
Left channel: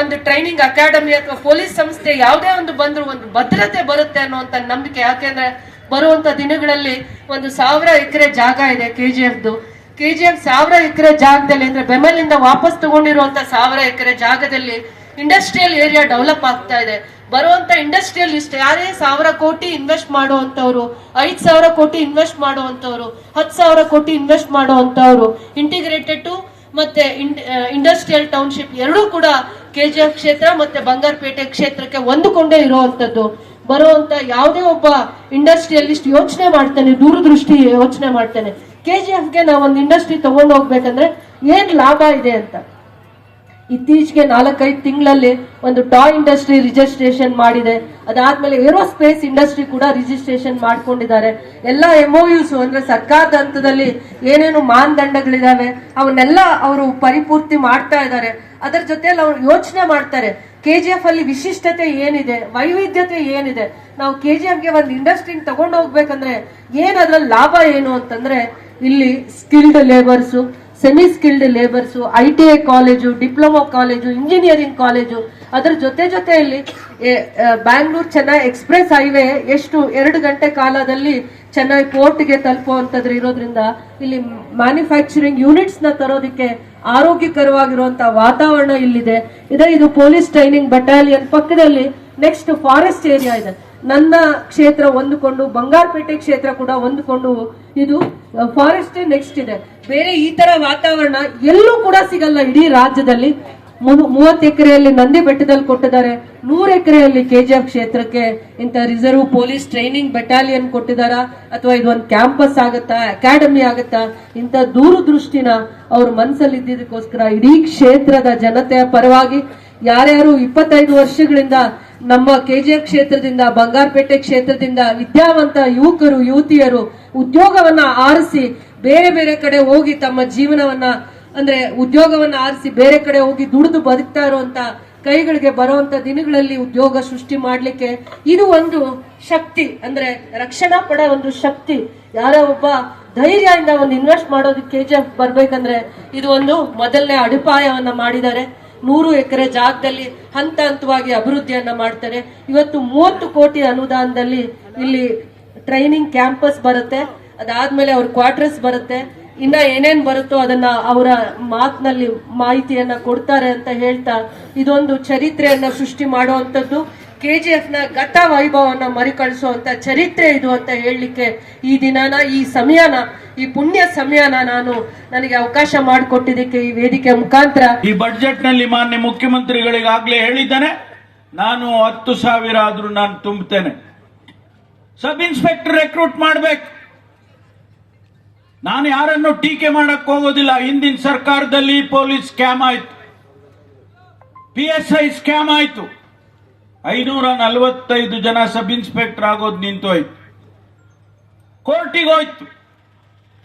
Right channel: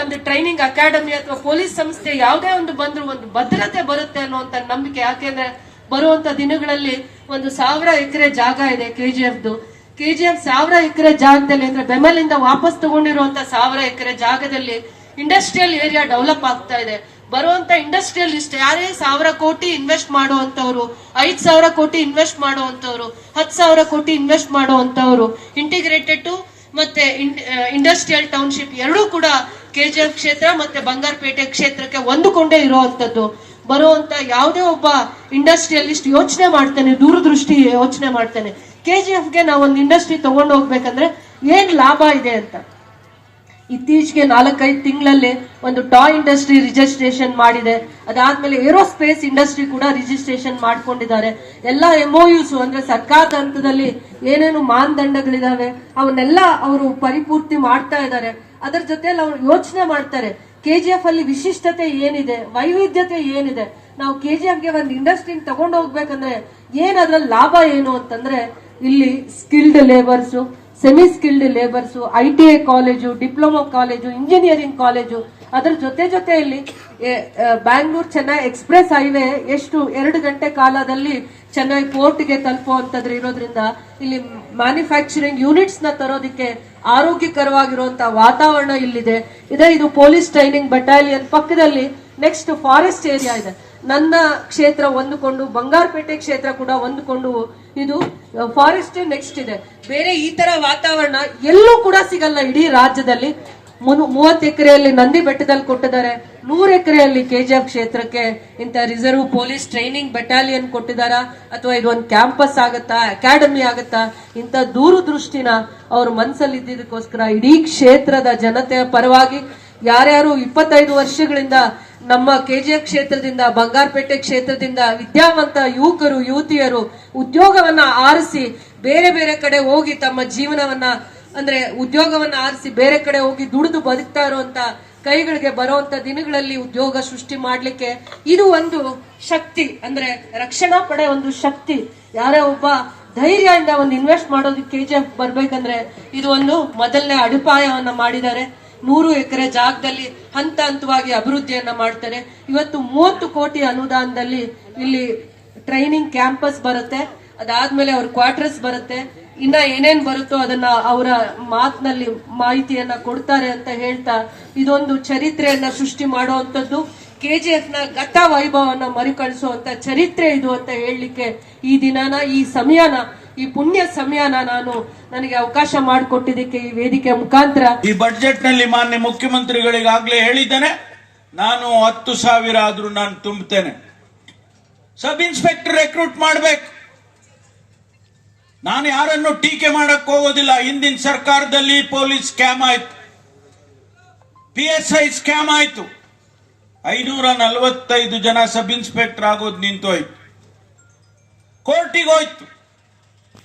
ಒಂದು ಟ್ರೈನಿಂಗ್ ಅಕಾಡೆಮಿ ಅಥವಾ ಪೊಲೀಸ್ ಸಂಸ್ಥೆ ಯಾವುದೇ ಒಂದು ಬಂದ್ರು ಒಂದು ಭದ್ರತೆ ಬರುತ್ತೆ ಅನ್ನುವಂತ ನಂಬಿಕೆ. ಯಾಕೆಂದ್ರೆ ಬರುವಂತ ದಿನಗಳಲ್ಲಿ 1,000 ಎಕರೆ ಜಾಗ ಇದೆ KGFದು. KGF 1,000 ಎಕರೆ ಜಾಗದಲ್ಲಿ, ಅಂದ್ರೆ ಬೆಮಲಿಂದ ವಾಪಸ್ ತಗೊಂಡಿರುವಂತ 1,000 ಎಕರೆ ಜಾಗದಲ್ಲಿ ಇಂಡಸ್ಟ್ರಿಯಲ್ ಏರಿಯಾ ಡೆವಲಪ್ ಆಗ್ತಾ ಇದೆ. ಬರುವಂತ ಇಂಡಸ್ಟ್ರಿಯಲಿಸ್ಟ್ ಯಾರೇ 1,000 ಕೋಟಿ ಇನ್ವೆಸ್ಟ್ ಮಾಡುವಂತವ್ರು, 5,000 ಕೋಟಿ ಇನ್ವೆಸ್ಟ್ ಮಾಡುವಂತವ್ರು, 10,000 ಕೋಟಿ ಇನ್ವೆಸ್ಟ್ ಮಾಡುವಂತವ್ರು, ಇಂಟಿಗ್ರೇಟೆಡ್ ಮತ್ತೆ ಇಂಡಸ್ಟ್ರಿಯಲ್ ಟೌನ್ಶಿಪ್ ಎರಡೂ ಕೂಡ KGF ಕ್ಷೇತ್ರ ಮತ್ತೆ ಬಂಗಾರಪೇಟೆ ಕ್ಷೇತ್ರಕ್ಕೆ ಹೊಂದಿಕೊಂಡೇ ಇರುವಂತದ್ದು. ಬರುವಂತ ಯಾವುದೇ ಒಬ್ಬ ಇಂಡಸ್ಟ್ರಿಯಲಿಸ್ಟ್ ಯೋಚನೆ ಮಾಡ್ತಾನೆ, ದೂರದೃಷ್ಟಿ ಯೋಚನೆ ಮಾಡ್ತಾನೆ, KGFಗೆ ನಾವು ಒಂದು ಇಂಡಸ್ಟ್ರಿ ತಗೊಂಡು ಹೋಗ್ಬೇಕಂದ್ರೆ ಏನ್ ಲಾಭ ಇದೆ ಅಂತ. ಇತ್ತೀಚೆಗೆ 4-5 ತಿಂಗಳಲ್ಲಿ ಒಂದು ಟಾಯ್ ಇಂಡಸ್ಟ್ರಿ ರಿಜಿಸ್ಟ್ರೇಷನ್ ಮಾಡಿದೆ. ಅದಾದ್ಮೇಲೆ ಏರೋಸ್ಪೇಸ್ ಇಂಡಸ್ಟ್ರಿ ಕೂಡ ರಿಜಿಸ್ಟ್ರೇಷನ್ ಮಾಡ್ಕೊಂಡಿದ್ದಾರೆ. ಎಲ್ಲ MOUs ಅಂದ್ರೆ ಸರ್ಕಾರದ ಹಂತದಲ್ಲಿ ಏನೇನು ಮಾನದಂಡಗಳಿದಾವೆ ಅವನ್ನೆಲ್ಲ ಅವರು ಪರಿಪೂರ್ತಿ ಮಾಡ್ತಾ ಇದ್ದಾರೆ. ಅದರ ಜೊತೆಲಿ ಅವ್ರು ಯೋಚನೆ ಮಾಡ್ತಾರೆ, KGF ಅಲ್ಲಿ ವಿಶಿಷ್ಟತೆ ಏನಿದೆ, ವೈವಿಧ್ಯತೆ ಏನಿದೆ, ನಾವು KGFಗೆ ಒಂದು ಇಂಡಸ್ಟ್ರಿ ತಗೊಂಡು ಹೋಗ್ಬೇಕಂದ್ರೆ ಏನ್ ಅದ್ರಲ್ಲಿ ಲಾಭ ಏನು ಅಂತಂದ್ರೆ, ಇಲ್ಲಿ skilled labours, semi skilled labours, ITI college, diploma college, engineering college, ಅದರ ಜೊತೆಯಲ್ಲಿ ಬ್ಯಾಂಗ್ಳೂರ್ ಚೆನ್ನೈ ಎಕ್ಸ್ಪ್ರೆಸ್ ಹೈವೇ ಎಷ್ಟು 2 ಗಂಟೆ ಕಾಲದಲ್ಲಿ ಚೆನ್ನೈ ಪೋರ್ಟ್ಗೆ ತಲುಪುವಂತದ್ದು ಇರೋದ್ರಿಂದ ಇಲ್ಲಿ ಮ್ಯಾನುಫ್ಯಾಕ್ಚರಿಂಗ್ ಯೂನಿಟ್ಸ್ ನ ತರೋದಕ್ಕೆ ಆರೋಗ್ಯಕರವಾಗಿರುವಂತ ವಾತಾವರಣ ಇಲ್ಲಿದೆ. ಇದು ಪೊಲೀಸ್ ಟ್ರೈನಿಂಗ್ ಬಟಾಲಿಯನ್ ಪಕ್ಕದಲ್ಲಿ ನೆಕ್ಸ್ಟ್ ಫಾರೆಸ್ಟ್ ಏರಿಯಾ ಇದೆ. ನನ್ನ ಕ್ಷೇತ್ರ ಹೊಂದಿಕೊಂಡು ಬಂಗಾರಪೇಟೆ ಕ್ಷೇತ್ರ ಕೂಡ ಹೊಂದಿಕೊಂಡು ಇದು ಫಾರೆಸ್ಟ್ ನೆಕ್ಸ್ಟ್ ಇದೆ. ಬೇರೆ ಈ ತರ ವಾತಾವರಣ ಎಲ್ಲೂ ಕೂಡ ಸಿಗಲ್ಲ ಇಡೀ ರಾಜ್ಯದಲ್ಲಿ. 30 ಎಕರೆಯಲ್ಲಿ ನಂದಿ ಬೆಟ್ಟದಲ್ಲಿ ಕೊಟ್ಟಿದ್ದಾರೆ, 100 ಎಕರೆಯಲ್ಲಿ KGF ಕ್ಷೇತ್ರಕ್ಕೆ ಇಂಥ ರಿಸರ್ವ್ ಪೊಲೀಸ್ ಟ್ರೈನಿಂಗ್ ಬೆಟಾಲಿಯನ್ ಕೊಟ್ಟಿದಾರ, ಅಥವಾ ಇದೊಂದು ಕ್ಯಾಂಪಸ್ ಆಗತ್ತಾ, ಅಕಾಡೆಮಿ ಆಗತ್ತಾ, ಇಂಥ ದೂರದೃಷ್ಟಿನ ಅವ್ರ ಮನಸ್ಸಲ್ಲಿ ಇದ್ದಿದ್ದಕ್ಕೋಸ್ಕರ ಇಡೀ ಕ್ಷೇತ್ರದ ಜನತೆಯ ಪರವಾಗಿ ಯಾರ್ಯಾರು 25 ವರ್ಷಗಳಿಂದ ನಮ್ಮ KGF ಕ್ಷೇತ್ರದಿಂದ, ಬಂಗಾರಪೇಟೆ ಕ್ಷೇತ್ರದಿಂದ ವಿದ್ಯಾವಂತ ಯುವಕರು ಯುವತಿಯರು ಉದ್ಯೋಗವನ್ನ ಆರಿಸಿ ಬೇರೆ ಬೇರೆ ಕಡೆ ಹೋಗಿ ತಮ್ಮ ಜೀವನವನ್ನ ಅಂದ್ರೆ ಉದ್ಯೋಗವನ್ನ ಆರಿಸಿ ಬೇರೆ ಕಡೆ ಹೋಗಿ ದುಡಿದು ಬದುಕ್ತಾ ಇರುವಂತ ಕೈಗಳಿಗೆ ಬರುವಂತ ದಿನಗಳಲ್ಲಿ ಉದ್ಯೋಗ ಸೃಷ್ಟಿ ಮಾಡ್ಲಿಕ್ಕೆ ಇದು ಒಂದು ಶಕ್ತಿ. ಅಂದ್ರೆ ರಕ್ಷಣಾ ಪಡೆ ಒಂದು ಶಕ್ತಿ. ಯಾರೇ ಒಬ್ಬ ಧೈರ್ಯದಿಂದ ಒಂದು ಇನ್ವೆಸ್ಟ್ ಮಾಡೋದಕ್ಕೆ KGF ಬರ್ಬೇಕಂದ್ರೆ ಇದು ಒಂದು ಮೊದಲನೇ ಅಡಿಪಾಯವನ್ನ ಮಾಡಿದ್ದಾರೆ. 100 ಎಕರೆ ಜಾಗದಲ್ಲಿ ಹಂತ ಹಂತವಾಗಿ ಅಭಿವೃದ್ಧಿಯನ್ನ ಮಾಡ್ತಾರೆ. ಇವತ್ತು 30 ಕೋಟಿ ಅನುದಾನದಲ್ಲಿ ಇಲ್ಲಿ ಟ್ರೈನಿಂಗ್ ಕ್ಯಾಂಪಸ್ ಬರುತ್ತೆ, ಅದಾದ್ಮೇಲೆ ಅವ್ರ ಕ್ವಾರ್ಟರ್ಸ್ ಬರುತ್ತೆ, ಇನ್ನ ಏನೇನ್ ಬರುತ್ತೋ ಅದನ್ನ ಅವರ ಮಾತಿನಲ್ಲಿ ಮಾಹಿತಿಯನ್ನ ಕೊಡ್ತಾರೆ ಅಂತ ಹೇಳ್ತಾ ಇದೊಂದು ಚರಿತ್ರೆಯನ್ನ ಸೃಷ್ಟಿ ಮಾಡುವಂತದ್ದು. KGF ನ ಗತ ವೈಭವನ್ನ ಮರುಕಳಿಸುವಂತ ಚರಿತ್ರೆ ಇದು ಅಂತ ಹೇಳಲಿಕ್ಕೆ ಈ ದಿನನ, ಈ ಸಮಯನ, ಈ ಪುಣ್ಯ ಸಮಯನ ನನಗೆ ಅವಕಾಶ ಮಾಡಿಕೊಟ್ಟಿದ್ದಕ್ಕೆ ಈ ವೇದಿಕೆ ಮುಖಾಂತರ. ಈ ಬಜೆಟ್ ನಲ್ಲಿ ಮಾನ್ಯ ಮುಖ್ಯಮಂತ್ರಿಗಳಿಗಾಗಲೇ ಹೇಳಿದ್ದೇನೆ, ನಾನು 10,000 ಆದ್ರೂ ನಾನು ತುಂಬುತ್ತೇನೆ. ಸಬ್ ಇನ್ಸ್ಪೆಕ್ಟರ್ ರೆಕ್ರೂಟ್ ಮಾಡ್ಬೇಕು. ನಾನು ಯಾರನ್ನು ಟೀಕೆ ಮಾಡಕ್ ಹೋಗೋದಿಲ್ಲ. ಹಿಂದಿನ ಸರ್ಕಾರದಲ್ಲಿ ಪೊಲೀಸ್ ಸ್ಕ್ಯಾಮ್ ಆಯ್ತು, PSI ಸ್ಕ್ಯಾಮ್ ಆಯ್ತು, 545 ಜನ ಸಬ್ ಇನ್ಸ್ಪೆಕ್ಟರ್ ಆಗೋದು ನಿಂತೋಯ್ತು, ಕೋರ್ಟಿಗೆ ಹೋಯ್ತು.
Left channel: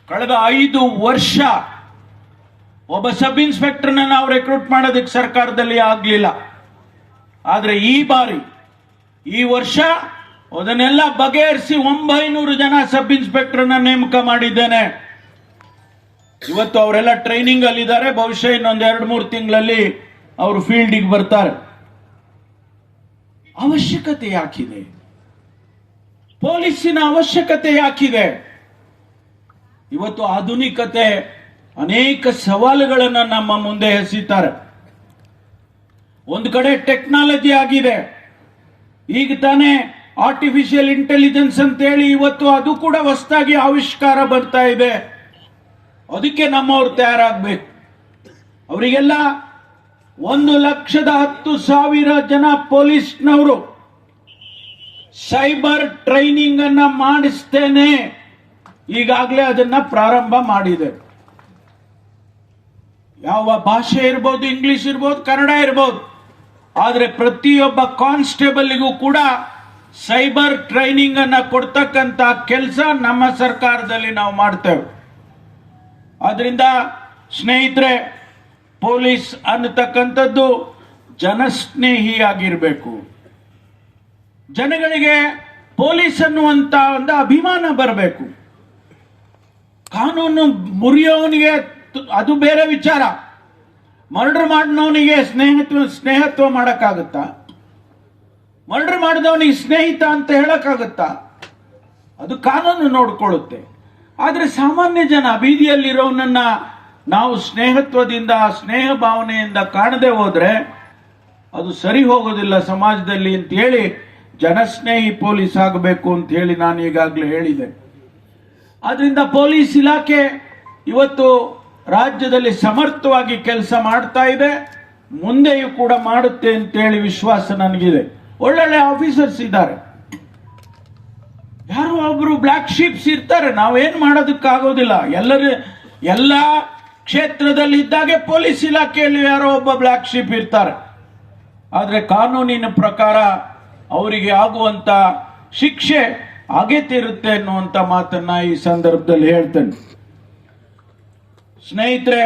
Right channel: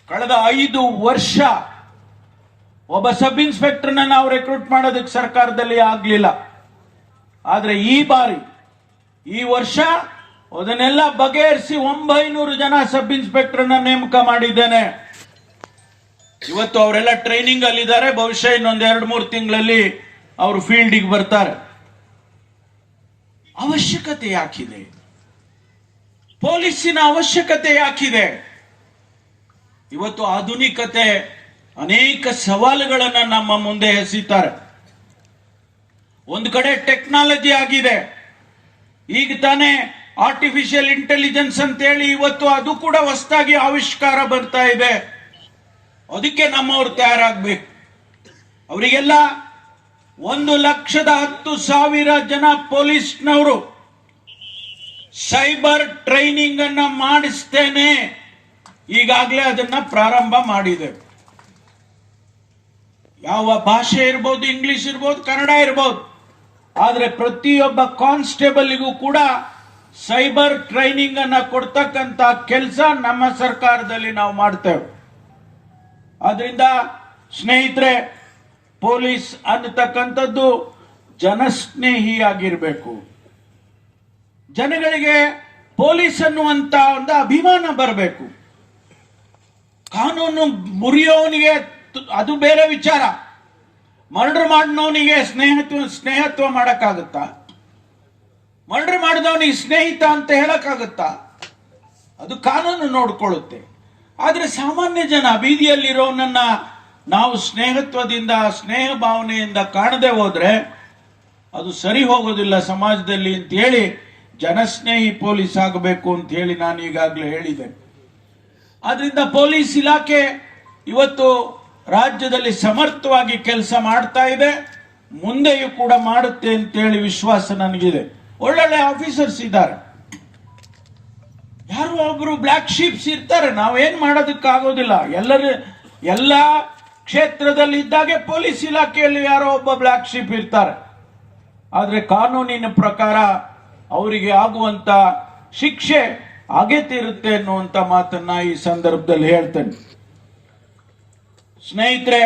ಕಳೆದ 5 ವರ್ಷ ಒಬ್ಬ ಸಬ್ ಇನ್ಸ್ಪೆಕ್ಟರ್ನ ನಾವು ರೆಕ್ರೂಟ್ ಮಾಡೋದಕ್ಕೆ ಸರ್ಕಾರದಲ್ಲಿ ಆಗ್ಲಿಲ್ಲ. ಆದ್ರೆ ಈ ಬಾರಿ ಈ ವರ್ಷ ಅದನ್ನೆಲ್ಲ ಬಗೆಹರಿಸಿ 900 ಜನ ಸಬ್ ಇನ್ಸ್ಪೆಕ್ಟರ್ನ ನೇಮಕ ಮಾಡಿದ್ದೇನೆ. ಇವತ್ತು ಅವರೆಲ್ಲ ಟ್ರೈನಿಂಗ್ ಅಲ್ಲಿದ್ದಾರೆ. ಬಹುಶಃ ಇನ್ನೊಂದು 2-3 ತಿಂಗಳಲ್ಲಿ ಅವರು ಫೀಲ್ಡಿಗೆ ಬರ್ತಾರೆ. ಅವಶ್ಯಕತೆ ಯಾಕಿದೆ? ಪೊಲೀಸಿನ ಅವಶ್ಯಕತೆ ಯಾಕಿದೆ? ಇವತ್ತು ಆಧುನಿಕತೆ ಅನೇಕ ಸವಾಲುಗಳನ್ನ ನಮ್ಮ ಮುಂದೆ ಎಸೀತಾರೆ. ಒಂದು ಕಡೆ ಟೆಕ್ನಾಲಜಿ ಆಗಿದೆ. ಈಗ ತಾನೇ ಆರ್ಟಿಫಿಷಿಯಲ್ ಇಂಟೆಲಿಜೆನ್ಸ್ ಅಂತ ಹೇಳಿ ಇವತ್ತು ಅದು ಕೂಡ ಹೊಸದಾಗಿ ಆವಿಷ್ಕಾರ ಬರ್ತಾ ಇದೆ. ಅದಕ್ಕೆ ನಮ್ಮವ್ರು ತಯಾರಾಗಬೇಕು. ಅವರಿಗೆಲ್ಲ 1,10,000 ಜನ ಪೊಲೀಸ್ನವರು ಸೈಬರ್ ಟ್ರೈನಿಂಗ್ ಅನ್ನ ಮಾಡಿಸ್ತೇನೆ. ಈಗಾಗಲೇ ಅದನ್ನ ಪ್ರಾರಂಭ ಮಾಡಿದೆ. ಯಾವ ಭಾಷೆ ಇರ್ಬೋದು, ಇಂಗ್ಲಿಷ್ ಇರ್ಬೋದು, ಕನ್ನಡ ಇರ್ಬೋದು, ಆದ್ರೆ ಪ್ರತಿಯೊಬ್ಬ ಕಾನ್ಸ್ಟೇಬಲ್ಗೂ ಕೂಡ ಸೈಬರ್ ಟ್ರೈನಿಂಗ್ ಅನ್ನ ಕೊಡ್ತಕ್ಕಂತ ಕೆಲಸ ನಮ್ಮ ಸರ್ಕಾರದಲ್ಲಿ ನಾವು ಮಾಡ್ತೇವೆ. ಆದ್ರಿಂದ ಸ್ನೇಹಿತರೆ, ಪೊಲೀಸ್ ಅನ್ನತಕ್ಕಂಥದ್ದು ಜನಸ್ನೇಹಿಯಾಗಿರ್ಬೇಕು. ಜನಗಳಿಗೆ ಪೊಲೀಸ್ ಅನ್ನುವಂತ ಒಂದು ಅಭಿಮಾನ ಬರಬೇಕು. ಕಾನೂನು ಮುರಿಯೋನಿಗೆ ಅದು ಬೇರೆ ವಿಚಾರ. ಮರ್ಡರ್ ಮಾಡಿದವನಿಗೆ ಸ್ನೇಹತ್ವ ಮಾಡಕ್ಕಾಗುತ್ತಾ? ಮರ್ಡರ್ ಮಾಡಿದವನಿಗೆ ಸ್ನೇಹಿತ ಅಂತ ಹೇಳಕ್ಕಾಗುತ್ತಾ? ಅದು ಕಾನೂನು ನೋಡ್ಕೊಳ್ಳುತ್ತೆ. ಆದ್ರೆ ಸಾಮಾನ್ಯ ಜನ, ಬೀದಿಯಲ್ಲಿರೋನನ್ನ ನಾವು ಸ್ನೇಹತ್ವದಿಂದ, ಸ್ನೇಹ ಭಾವನೆಯಿಂದ ಕಾಣದೆ ಹೋದ್ರೆ ಅದು ಸರಿ ಹೋಗೋದಿಲ್ಲ ಸಮಾಜದಲ್ಲಿ ಅಂತ ಹೇಳಿ ಜನಸ್ನೇಹಿ ಪೊಲೀಸ್ ಆಗಬೇಕು ಅಂತ ಹೇಳಿ ನಾನು ಈಗಾಗಲೇ ಹೇಳಿದೆ. ಆದ್ರಿಂದ ಪೊಲೀಸ್ ಇಲಾಖೆ ಇವತ್ತು ರಾಜ್ಯದಲ್ಲಿ ಸಮರ್ಥವಾಗಿ ಕೆಲಸ ಮಾಡ್ತಾ ಇದೆ. ಮುಂದೆಯೂ ಕೂಡ ಮಾಡುತ್ತೆ ಅಂತ ಹೇಳಿ ವಿಶ್ವಾಸ ನನಗಿದೆ. ಒಳ್ಳೊಳ್ಳೆ ಆಫೀಸರ್ಸ್ ಇದ್ದಾರೆ. ಯಾರು ಒಬ್ರು ಬ್ಲ್ಯಾಕ್ ಶೀಪ್ಸ್ ಇರ್ತಾರೆ, ನಾವೇನ್ ಮಾಡೋದಕ್ಕಾಗೋದಿಲ್ಲ. ಎಲ್ಲ ಕ್ಷೇತ್ರದಲ್ಲಿ ಇದ್ದಾಗೆ ಪೊಲೀಸ್ ಇಲಾಖೆಯಲ್ಲಿ ಯಾರೋ ಒಬ್ಬ ಬ್ಲ್ಯಾಕ್ ಶೀಪ್ ಇರ್ತಾರೆ. ಆದ್ರೆ ಕಾನೂನಿನ ಪ್ರಕಾರ ಅವರಿಗೆ ಆಗುವಂತ ಶಿಕ್ಷೆ ಆಗೇ ತೀರುತ್ತೆ ಅನ್ನುವಂತ ಮಾತನ್ನ ಈ ಸಂದರ್ಭದಲ್ಲಿ ಹೇಳ್ತೇನೆ. ಸ್ನೇಹಿತರೆ,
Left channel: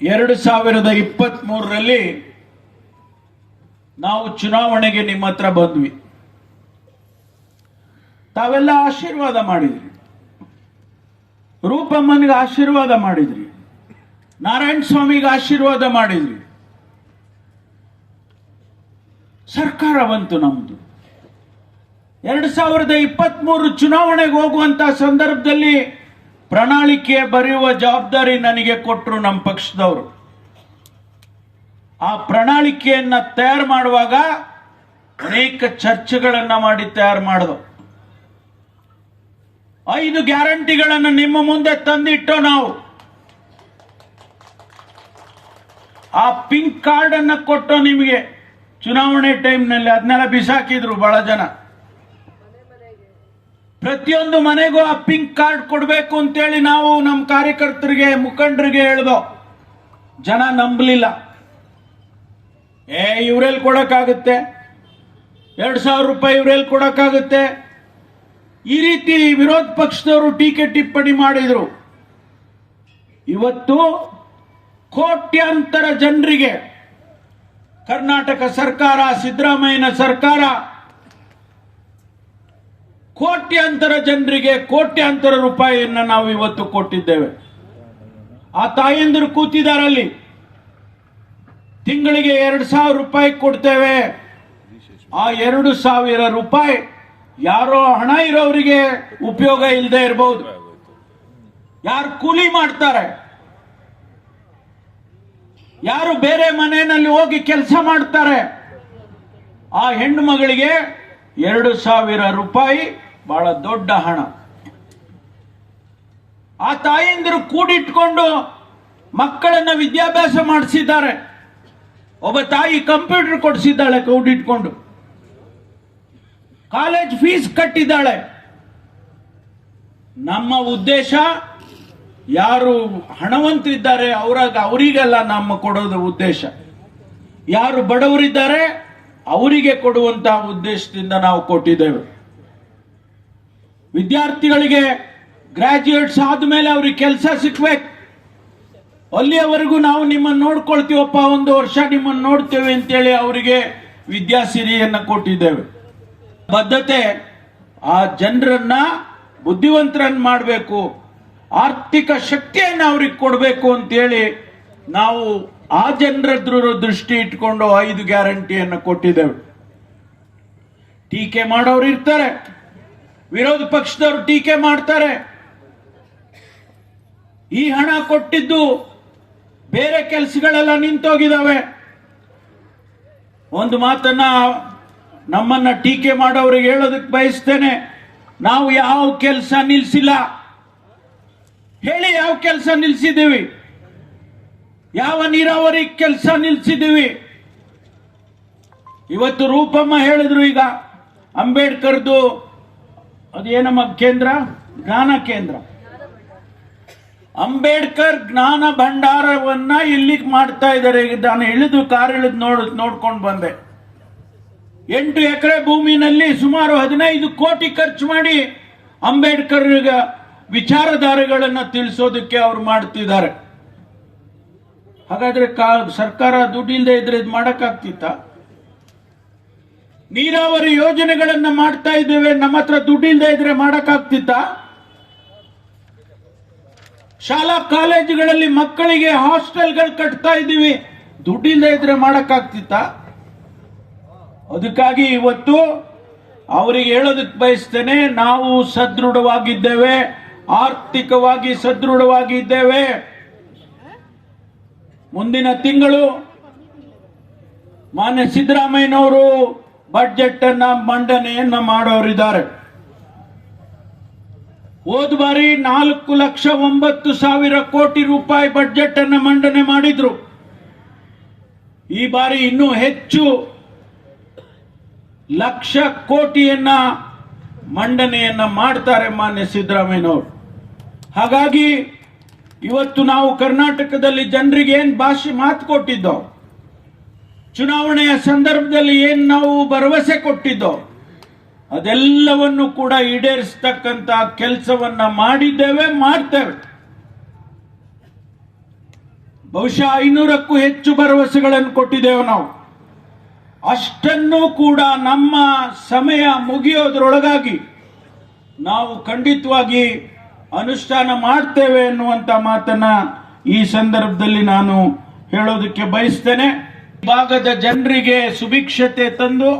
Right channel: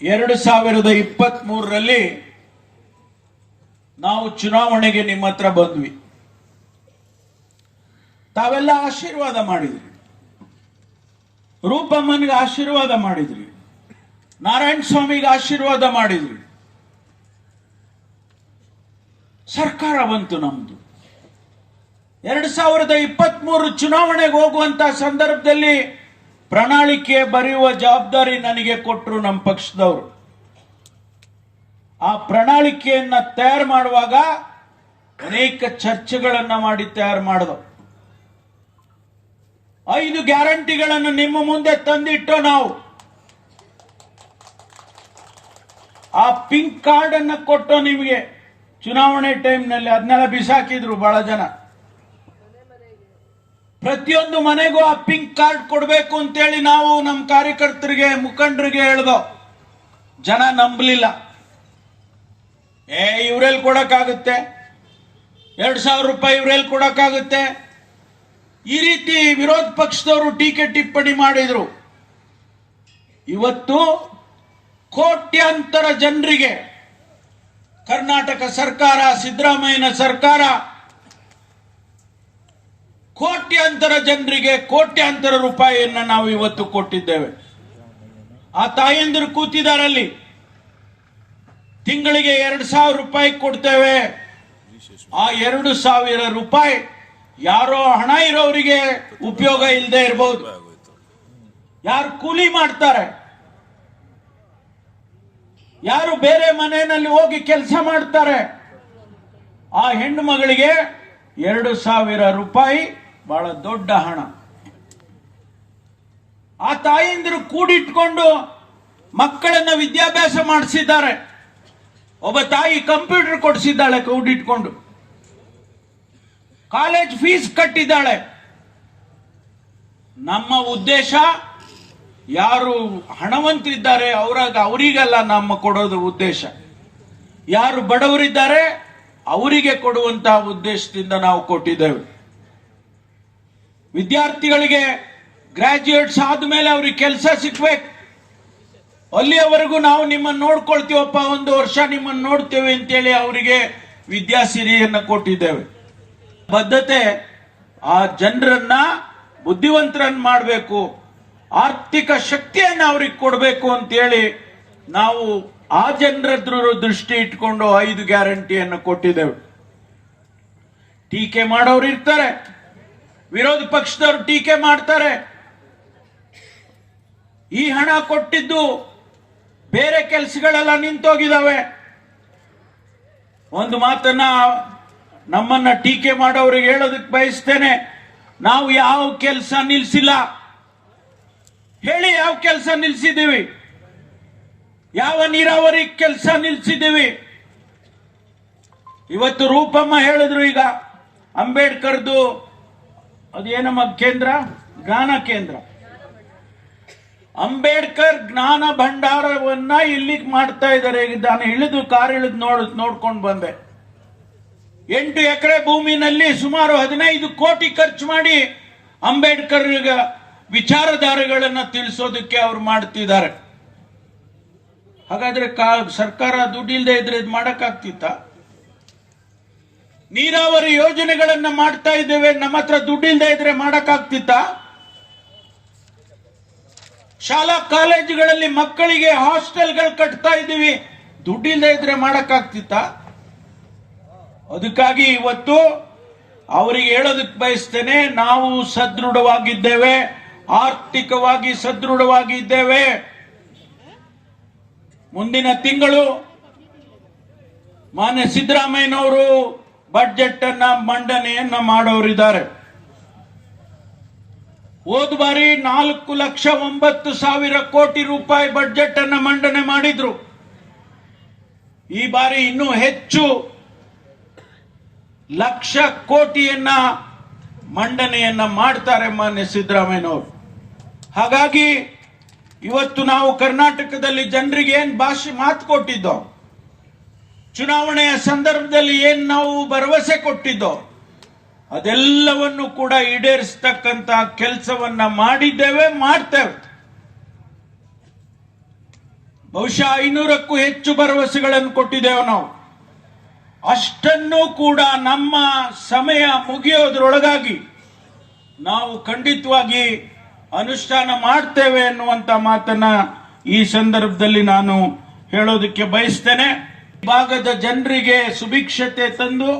2023ರಲ್ಲಿ ನಾವು ಚುನಾವಣೆಗೆ ನಿಮ್ಮ ಹತ್ರ ಬಂದ್ವಿ. ತಾವೆಲ್ಲ ಆಶೀರ್ವಾದ ಮಾಡಿದ್ರಿ. ರೂಪಮ್ಮನಿಗೆ ಆಶೀರ್ವಾದ ಮಾಡಿದ್ರಿ. ನಾರಾಯಣ ಸ್ವಾಮಿಗೆ ಆಶೀರ್ವಾದ ಮಾಡಿದ್ರಿ. ಸರ್ಕಾರ ಬಂತು ನಮ್ದು. 2023 ಚುನಾವಣೆಗೆ ಹೋಗುವಂತ ಸಂದರ್ಭದಲ್ಲಿ ಪ್ರಣಾಳಿಕೆ ಬರೆಯುವ ಜವಾಬ್ದಾರಿ ನನಗೆ ಕೊಟ್ಟರು ನಮ್ಮ ಪಕ್ಷದವರು. ಆ ಪ್ರಣಾಳಿಕೆಯನ್ನ ತಯಾರು ಮಾಡುವಾಗ ಅನೇಕ ಚರ್ಚೆಗಳನ್ನ ಮಾಡಿ ತಯಾರು ಮಾಡಿದವು. 5 ಗ್ಯಾರಂಟಿಗಳನ್ನು ನಿಮ್ಮ ಮುಂದೆ ತಂದಿಟ್ಟು ನಾವು ಆ ಪಿಂಕ್ ಕಾರ್ಡ್ ಅನ್ನ ಕೊಟ್ಟು ನಿಮಗೆ ಚುನಾವಣೆ ಟೈಮ್ನಲ್ಲಿ ಅದನ್ನೆಲ್ಲ ಬಿಸಾಕಿದ್ರು ಬಹಳ ಜನ. ಪ್ರತಿಯೊಂದು ಮನೆಗೂ ಆ ಪಿಂಕ್ ಕಾರ್ಡ್ ಕೊಡಬೇಕು ಅಂತೇಳಿ ನಾವು ನಮ್ಮ ಕಾರ್ಯಕರ್ತರಿಗೆ, ಮುಖಂಡರಿಗೆ ಹೇಳ್ದೋ. ಜನ ನಂಬಲಿಲ್ಲ. ಇವ್ರೆಲ್ಲಿ ಕೊಡಕ್ಕಾಗುತ್ತೆ, 2,000 ರೂಪಾಯಿ ಇವ್ರೆಲ್ಲಿ ಕೊಡಕ್ಕಾಗುತ್ತೆ, ಈ ರೀತಿ ವಿರೋಧ ಪಕ್ಷದವರು ಟೀಕೆ ಟಿಪ್ಪಣಿ ಮಾಡಿದ್ರು. ಇವತ್ತು ಕೋಟ್ಯಾಂತರ ಜನರಿಗೆ ಕರ್ನಾಟಕ ಸರ್ಕಾರ, ಸಿದ್ದರಾಮಯ್ಯನ ಸರ್ಕಾರ ಕೋಟ್ಯಾಂತರ ಜನರಿಗೆ ಕೋಟ್ಯಾಂತರ ರೂಪಾಯಿಯನ್ನ ನಾವು ಇವತ್ತು ಕೊಟ್ಟಿದ್ದೇವೆ. ಆ ತಾಯಂದಿರು ಕೂತಿದಾರಲ್ಲಿ. ತಿಂಗಳಿಗೆ 2,000 ರೂಪಾಯಿ ಕೊಡ್ತೇವೆ. ಆ 2,000 ರೂಪಾಯಿ ಯಾರೋ ಹಣ ಇರೋರಿಗೆ ಉಪಯೋಗ ಇಲ್ಲದೆ ಇರಬಹುದು. ಯಾರು ಕೂಲಿ ಮಾಡ್ತಾರೆ, ಯಾರು ಬೇರೆ ಮನೆಯಲ್ಲಿ ಹೋಗಿ ಕೆಲಸ ಮಾಡ್ತಾರೆ, ಆ ಹೆಣ್ಣು ಮಗಳಿಗೆ 2,000 ರೂಪಾಯಿ ಬಹಳ ದೊಡ್ಡ ಹಣ. ಆ ತಾಯಂದಿರು ಕೂಡಿಟ್ಕೊಂಡು ಮಕ್ಕಳನ್ನ ವಿದ್ಯಾಭ್ಯಾಸ ಮಾಡಿಸಿದ್ದಾರೆ. ಒಬ್ಬ ತಾಯಿ ಕಂಪ್ಯೂಟರ್ ಕೊಡಿಸಿದ್ದಾಳೆ ಕೂಡಿಟ್ಕೊಂಡು, ಕಾಲೇಜ್ ಫೀಸ್ ಕಟ್ಟಿದ್ದಾಳೆ. ನಮ್ಮ ಉದ್ದೇಶ ಯಾರು ಹಣವಂತರಿದ್ದಾರೆ ಅವರಿಗೆಲ್ಲ ನಮ್ಮ ಕೊಡೋದು ಉದ್ದೇಶ. ಯಾರು ಬಡವರಿದ್ದಾರೆ ಅವರಿಗೆ ಕೊಡುವಂತಹ ಉದ್ದೇಶದಿಂದ ನಾವು ಕೊಟ್ಟಿದ್ದೇವೆ. ವಿದ್ಯಾರ್ಥಿಗಳಿಗೆ ಗ್ರಾಜ್ಯುಯೇಟ್ಸ್ ಆದ್ಮೇಲೆ ಅವ್ರಿಗೆ ಕೆಲಸ ಸಿಗ್ಬೇಕು. ಅಲ್ಲಿಯವರೆಗೂ ನಾವು ನಿಮ್ಮನ್ನು ನೋಡ್ಕೊಳ್ತೀವಪ್ಪ, 1 ವರ್ಷ ನಿಮ್ಮನ್ನು ನೋಡ್ತೇವೆ ಅಂತೇಳಿ ಅವರಿಗೆ ವಿದ್ಯಾಸಿರಿಯನ್ನು ಕೊಟ್ಟಿದ್ದೇವೆ. ಬದ್ಧತೆ ಆ ಜನರನ್ನ ಬುದ್ಧಿವಂತರನ್ನ ಮಾಡಬೇಕು, ಆರ್ಥಿಕ ಶಕ್ತಿಯನ್ನು ಅವ್ರಿಗೆ ಕೊಡಬೇಕು ಅಂತೇಳಿ ನಾವು ಆ ಜನರ ದೃಷ್ಟಿ ಇಟ್ಕೊಂಡು 5 ಗ್ಯಾರಂಟಿಯನ್ನು ಕೊಟ್ಟಿದ್ದೇವೆ. ಟೀಕೆ ಮಾಡೋರು ಇರ್ತಾರೆ, ವಿರೋಧ ಪಕ್ಷದವರು ಟೀಕೆ ಮಾಡ್ತಾರೆ. ಈ ಹಣ ಕೊಟ್ಟಿದ್ದು ಬೇರೆ ಕೆಲಸಗಳೆಲ್ಲ ನಿಂತೋಗಿದಾವೆ. ಒಂದು ಮಾತನ್ನ ನಮ್ಮನ್ನ ಟೀಕೆ ಮಾಡೋರಿಗೆ ಹೇಳೋದಕ್ಕೆ ಬಯಸ್ತೇನೆ, ನಾವು ಯಾವ ಕೆಲಸ ನಿಲ್ಲಿಸಿಲ್ಲ. ಹೇಳಿ, ಯಾವ ಕೆಲಸ ನಿಲ್ಲಿಸಿದ್ದೀವಿ? ಯಾವ ನೀರಾವರಿ ಕೆಲಸ ನಿಲ್ಲಿಸಿದ್ದೀವಿ? ಇವತ್ತು ರೂಪಮ್ಮ ಹೇಳಿದ್ರು, ಈಗ ಅಂಬೇಡ್ಕರ್ದು ಅದೇನಮ್ಮ ಕೇಂದ್ರ, ಜ್ಞಾನ ಕೇಂದ್ರ, ಅಂಬೇಡ್ಕರ್ ಜ್ಞಾನ ಭಂಡಾರವನ್ನ ಇಲ್ಲಿ ಮಾಡ್ತಾ ಇದ್ದಾರೆ. ನಾನು ಇಳಿದು ಕಾರ್ ಇಳಿದು ನೋಡ್ಕೊಂಡು ಬಂದೆ. 8 ಎಕರೆ ಭೂಮಿನಲ್ಲಿ ಸುಮಾರು 15 ಕೋಟಿ ಖರ್ಚು ಮಾಡಿ ಅಂಬೇಡ್ಕರ್ ವಿಚಾರಧಾರೆಗಳನ್ನು ತಿಳಿಸೋದಕ್ಕೆ ಅವರು ಮಾಡ್ತಿದ್ದಾರೆ. ಹಾಗಾದ್ರೆ ಸರ್ಕಾರ ದುಡ್ಡಿಲ್ಲದೆ ಇದ್ರೆ ಇದು ಮಾಡಕ್ಕಾಗ್ತಿತ್ತ? ನೀರಾವರಿ ಯೋಜನೆಗಳನ್ನ ಮಾಡ್ತಾ ಇದ್ದೇವೆ, ನಮ್ಮ ಹತ್ರ ದುಡ್ಡಿಲ್ಲದೆ ಇದ್ರೆ ಮಾಡಕ್ಕಾಗ್ತಿತ್ತ? ಶಾಲಾ ಕಾಲೇಜುಗಳಲ್ಲಿ ಮಕ್ಕಳಿಗೆ ಹಾಸ್ಟೆಲ್ಗಳು ಕಟ್ತಾ ಇದ್ದೀವಿ, ದುಡ್ಡಿಲ್ಲದೆ ಇದ್ರೆ ಮಾಡಕ್ಕಾಗ್ತಿತ್ತ? ಅದಕ್ಕಾಗಿ ಇವತ್ತು ಅವರಿಗೆ ಹೇಳೋದಕ್ಕೆ ಬಯಸ್ತೇನೆ, ನಾವು ಸದೃಢವಾಗಿದ್ದೇವೆ, ಆರ್ಥಿಕವಾಗಿ ಸದೃಢವಾಗಿದ್ದೇವೆ. ಮುಂದಿನ ತಿಂಗಳು ಮಾನ್ಯ ಸಿದ್ದರಾಮಯ್ಯನವರು ಬಜೆಟ್ ಅನ್ನ ಮಂಡನೆಯನ್ನ ಮಾಡೋರಿದ್ದಾರೆ. ಹೋದ ಬಾರಿ 4,09,000 ಕೋಟಿ ರೂಪಾಯಿ ಬಜೆಟ್ ಅನ್ನ ಮಂಡನೆ ಮಾಡಿದ್ರು. ಈ ಬಾರಿ ಇನ್ನೂ ಹೆಚ್ಚು ಲಕ್ಷ ಕೋಟಿಯನ್ನ ಮಂಡನೆಯನ್ನ ಮಾಡ್ತಾರೆ ಮಾನ್ಯ ಸಿದ್ದರಾಮಯ್ಯನವರು. ಹಾಗಾಗಿ ಇವತ್ತು ನಾವು ಕರ್ನಾಟಕದಲ್ಲಿ ಜನರಿಗೆ ಏನ್ ಮಾತು ಕೊಟ್ಟಿದ್ದೋ, ಚುನಾವಣೆಯ ಸಂದರ್ಭದಲ್ಲಿ ಏನ್ ನಾವು ಭರವಸೆ ಕೊಟ್ಟಿದ್ದೋ, ಅದೆಲ್ಲವನ್ನು ಕೂಡ ಈಡೇರಿಸತಕ್ಕಂತ ಕೆಲಸವನ್ನ ಮಾಡಿದ್ದೇವೆ, ಮಾಡ್ತೇವೆ. ಬಹುಶಃ 500ಕ್ಕೂ ಹೆಚ್ಚು ಭರವಸೆಗಳನ್ನು ಕೊಟ್ಟಿದ್ದೇವೆ ನಾವು. ಅಷ್ಟನ್ನೂ ಕೂಡ ನಮ್ಮ ಸಮಯ ಮುಗಿಯೋದ್ರೊಳಗಾಗಿ ನಾವು ಖಂಡಿತವಾಗಿ ಅನುಷ್ಠಾನ ಮಾಡ್ತೇವೆ ಎನ್ನುವಂತ ಮಾತನ್ನ ಈ ಸಂದರ್ಭದಲ್ಲಿ ನಾನು ಹೇಳೋದಕ್ಕೆ ಬಯಸ್ತೇನೆ. ಭಾಗದ ಜನರಿಗೆ ಸುಭಿಕ್ಷತೆ ತಂದು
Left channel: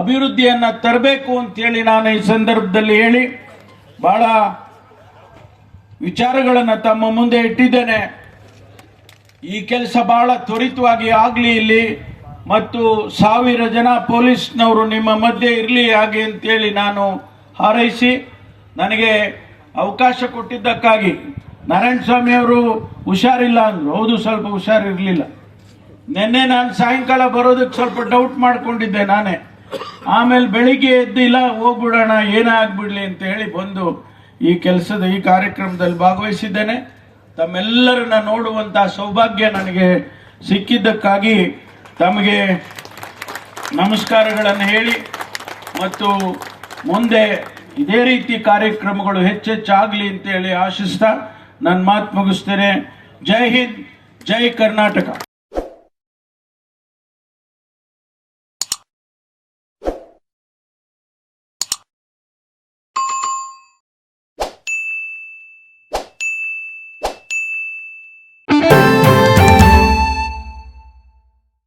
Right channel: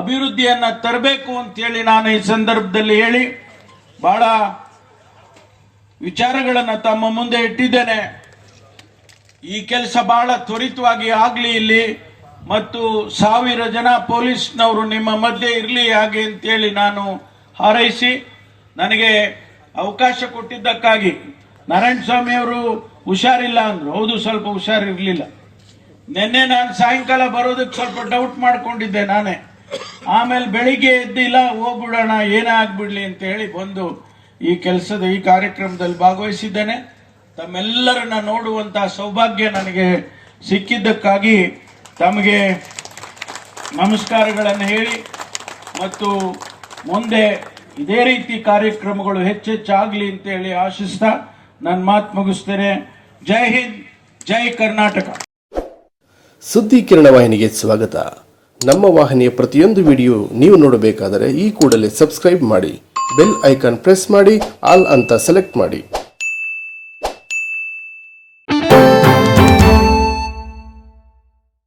ಅಭಿವೃದ್ಧಿಯನ್ನ ತರಬೇಕು ಅಂತೇಳಿ ನಾನು ಈ ಸಂದರ್ಭದಲ್ಲಿ ಹೇಳಿ ಬಹಳ ವಿಚಾರಗಳನ್ನು ತಮ್ಮ ಮುಂದೆ ಇಟ್ಟಿದ್ದೇನೆ. ಈ ಕೆಲಸ ಬಹಳ ತ್ವರಿತವಾಗಿ ಆಗಲಿ ಇಲ್ಲಿ, ಮತ್ತು 1000 ಜನ ಪೊಲೀಸ್ನವರು ನಿಮ್ಮ ಮಧ್ಯೆ ಇರಲಿ ಹಾಗೆ ಅಂತೇಳಿ ನಾನು ಹಾರೈಸಿ, ನನಗೆ ಅವಕಾಶ ಕೊಟ್ಟಿದ್ದಕ್ಕಾಗಿ ನಾರಾಯಣ ಸ್ವಾಮಿ ಅವರು ಹುಷಾರಿಲ್ಲ ಅಂದ್ರು. ಹೌದು, ಸ್ವಲ್ಪ ಹುಷಾರಿರ್ಲಿಲ್ಲ. ನಿನ್ನೆ ನಾನು ಸಾಯಂಕಾಲ ಬರೋದಕ್ಕೆ ಸ್ವಲ್ಪ ಡೌಟ್ ಮಾಡ್ಕೊಂಡಿದ್ದೆ ನಾನೇ. ಆಮೇಲೆ ಬೆಳಿಗ್ಗೆ ಎದ್ದಿಲ್ಲ, ಹೋಗ್ಬಿಡೋಣ ಏನಾಗ್ಬಿಡ್ಲಿ ಅಂತ ಹೇಳಿ ಬಂದು ಈ ಕಾರ್ಯಕ್ರಮದಲ್ಲಿ ಭಾಗವಹಿಸಿದ್ದೇನೆ. ತಮ್ಮೆಲ್ಲರನ್ನ ನೋಡುವಂತಹ ಸೌಭಾಗ್ಯ ನನಗೆ ಸಿಕ್ಕಿದ್ದಕ್ಕಾಗಿ ತಮಗೆ ನಮಸ್ಕಾರಗಳನ್ನು ಹೇಳಿ, ಮತ್ತು ಮುಂದೆ ಇದೇ ರೀತಿ ಕಾರ್ಯಕ್ರಮಗಳು ಹೆಚ್ಚೆಚ್ಚಾಗಲಿ ಅಂತ ಹೇಳಿ ಆಶಿಸ್ತಾ ನನ್ನ ಮಾತು ಮುಗಿಸ್ತೇನೆ. ಜೈ ಹಿಂದ್, ಜೈ ಕರ್ನಾಟಕ. ಸುದ್ದಿ ಕಿರಣ ವಾಹಿನಿಗೆ ಸ್ವಾಗತ. ನಮ್ಮ ವಾಹಿನಿಯ ಪ್ರತಿಯೊಂದು ವಿಡಿಯೋ ನೀವು ನೋಡಬೇಕಾದರೆ ಈ ಕೂಡಲೇ ಸಬ್ಸ್ಕ್ರೈಬ್ ಮಾಡಿ, ಬೆಲ್ ಐಕಾನ್ ಪ್ರೆಸ್ ಮಾಡಿ, ಆಲ್ ಅಂತ ಸೆಲೆಕ್ಟ್ ಮಾಡಿ.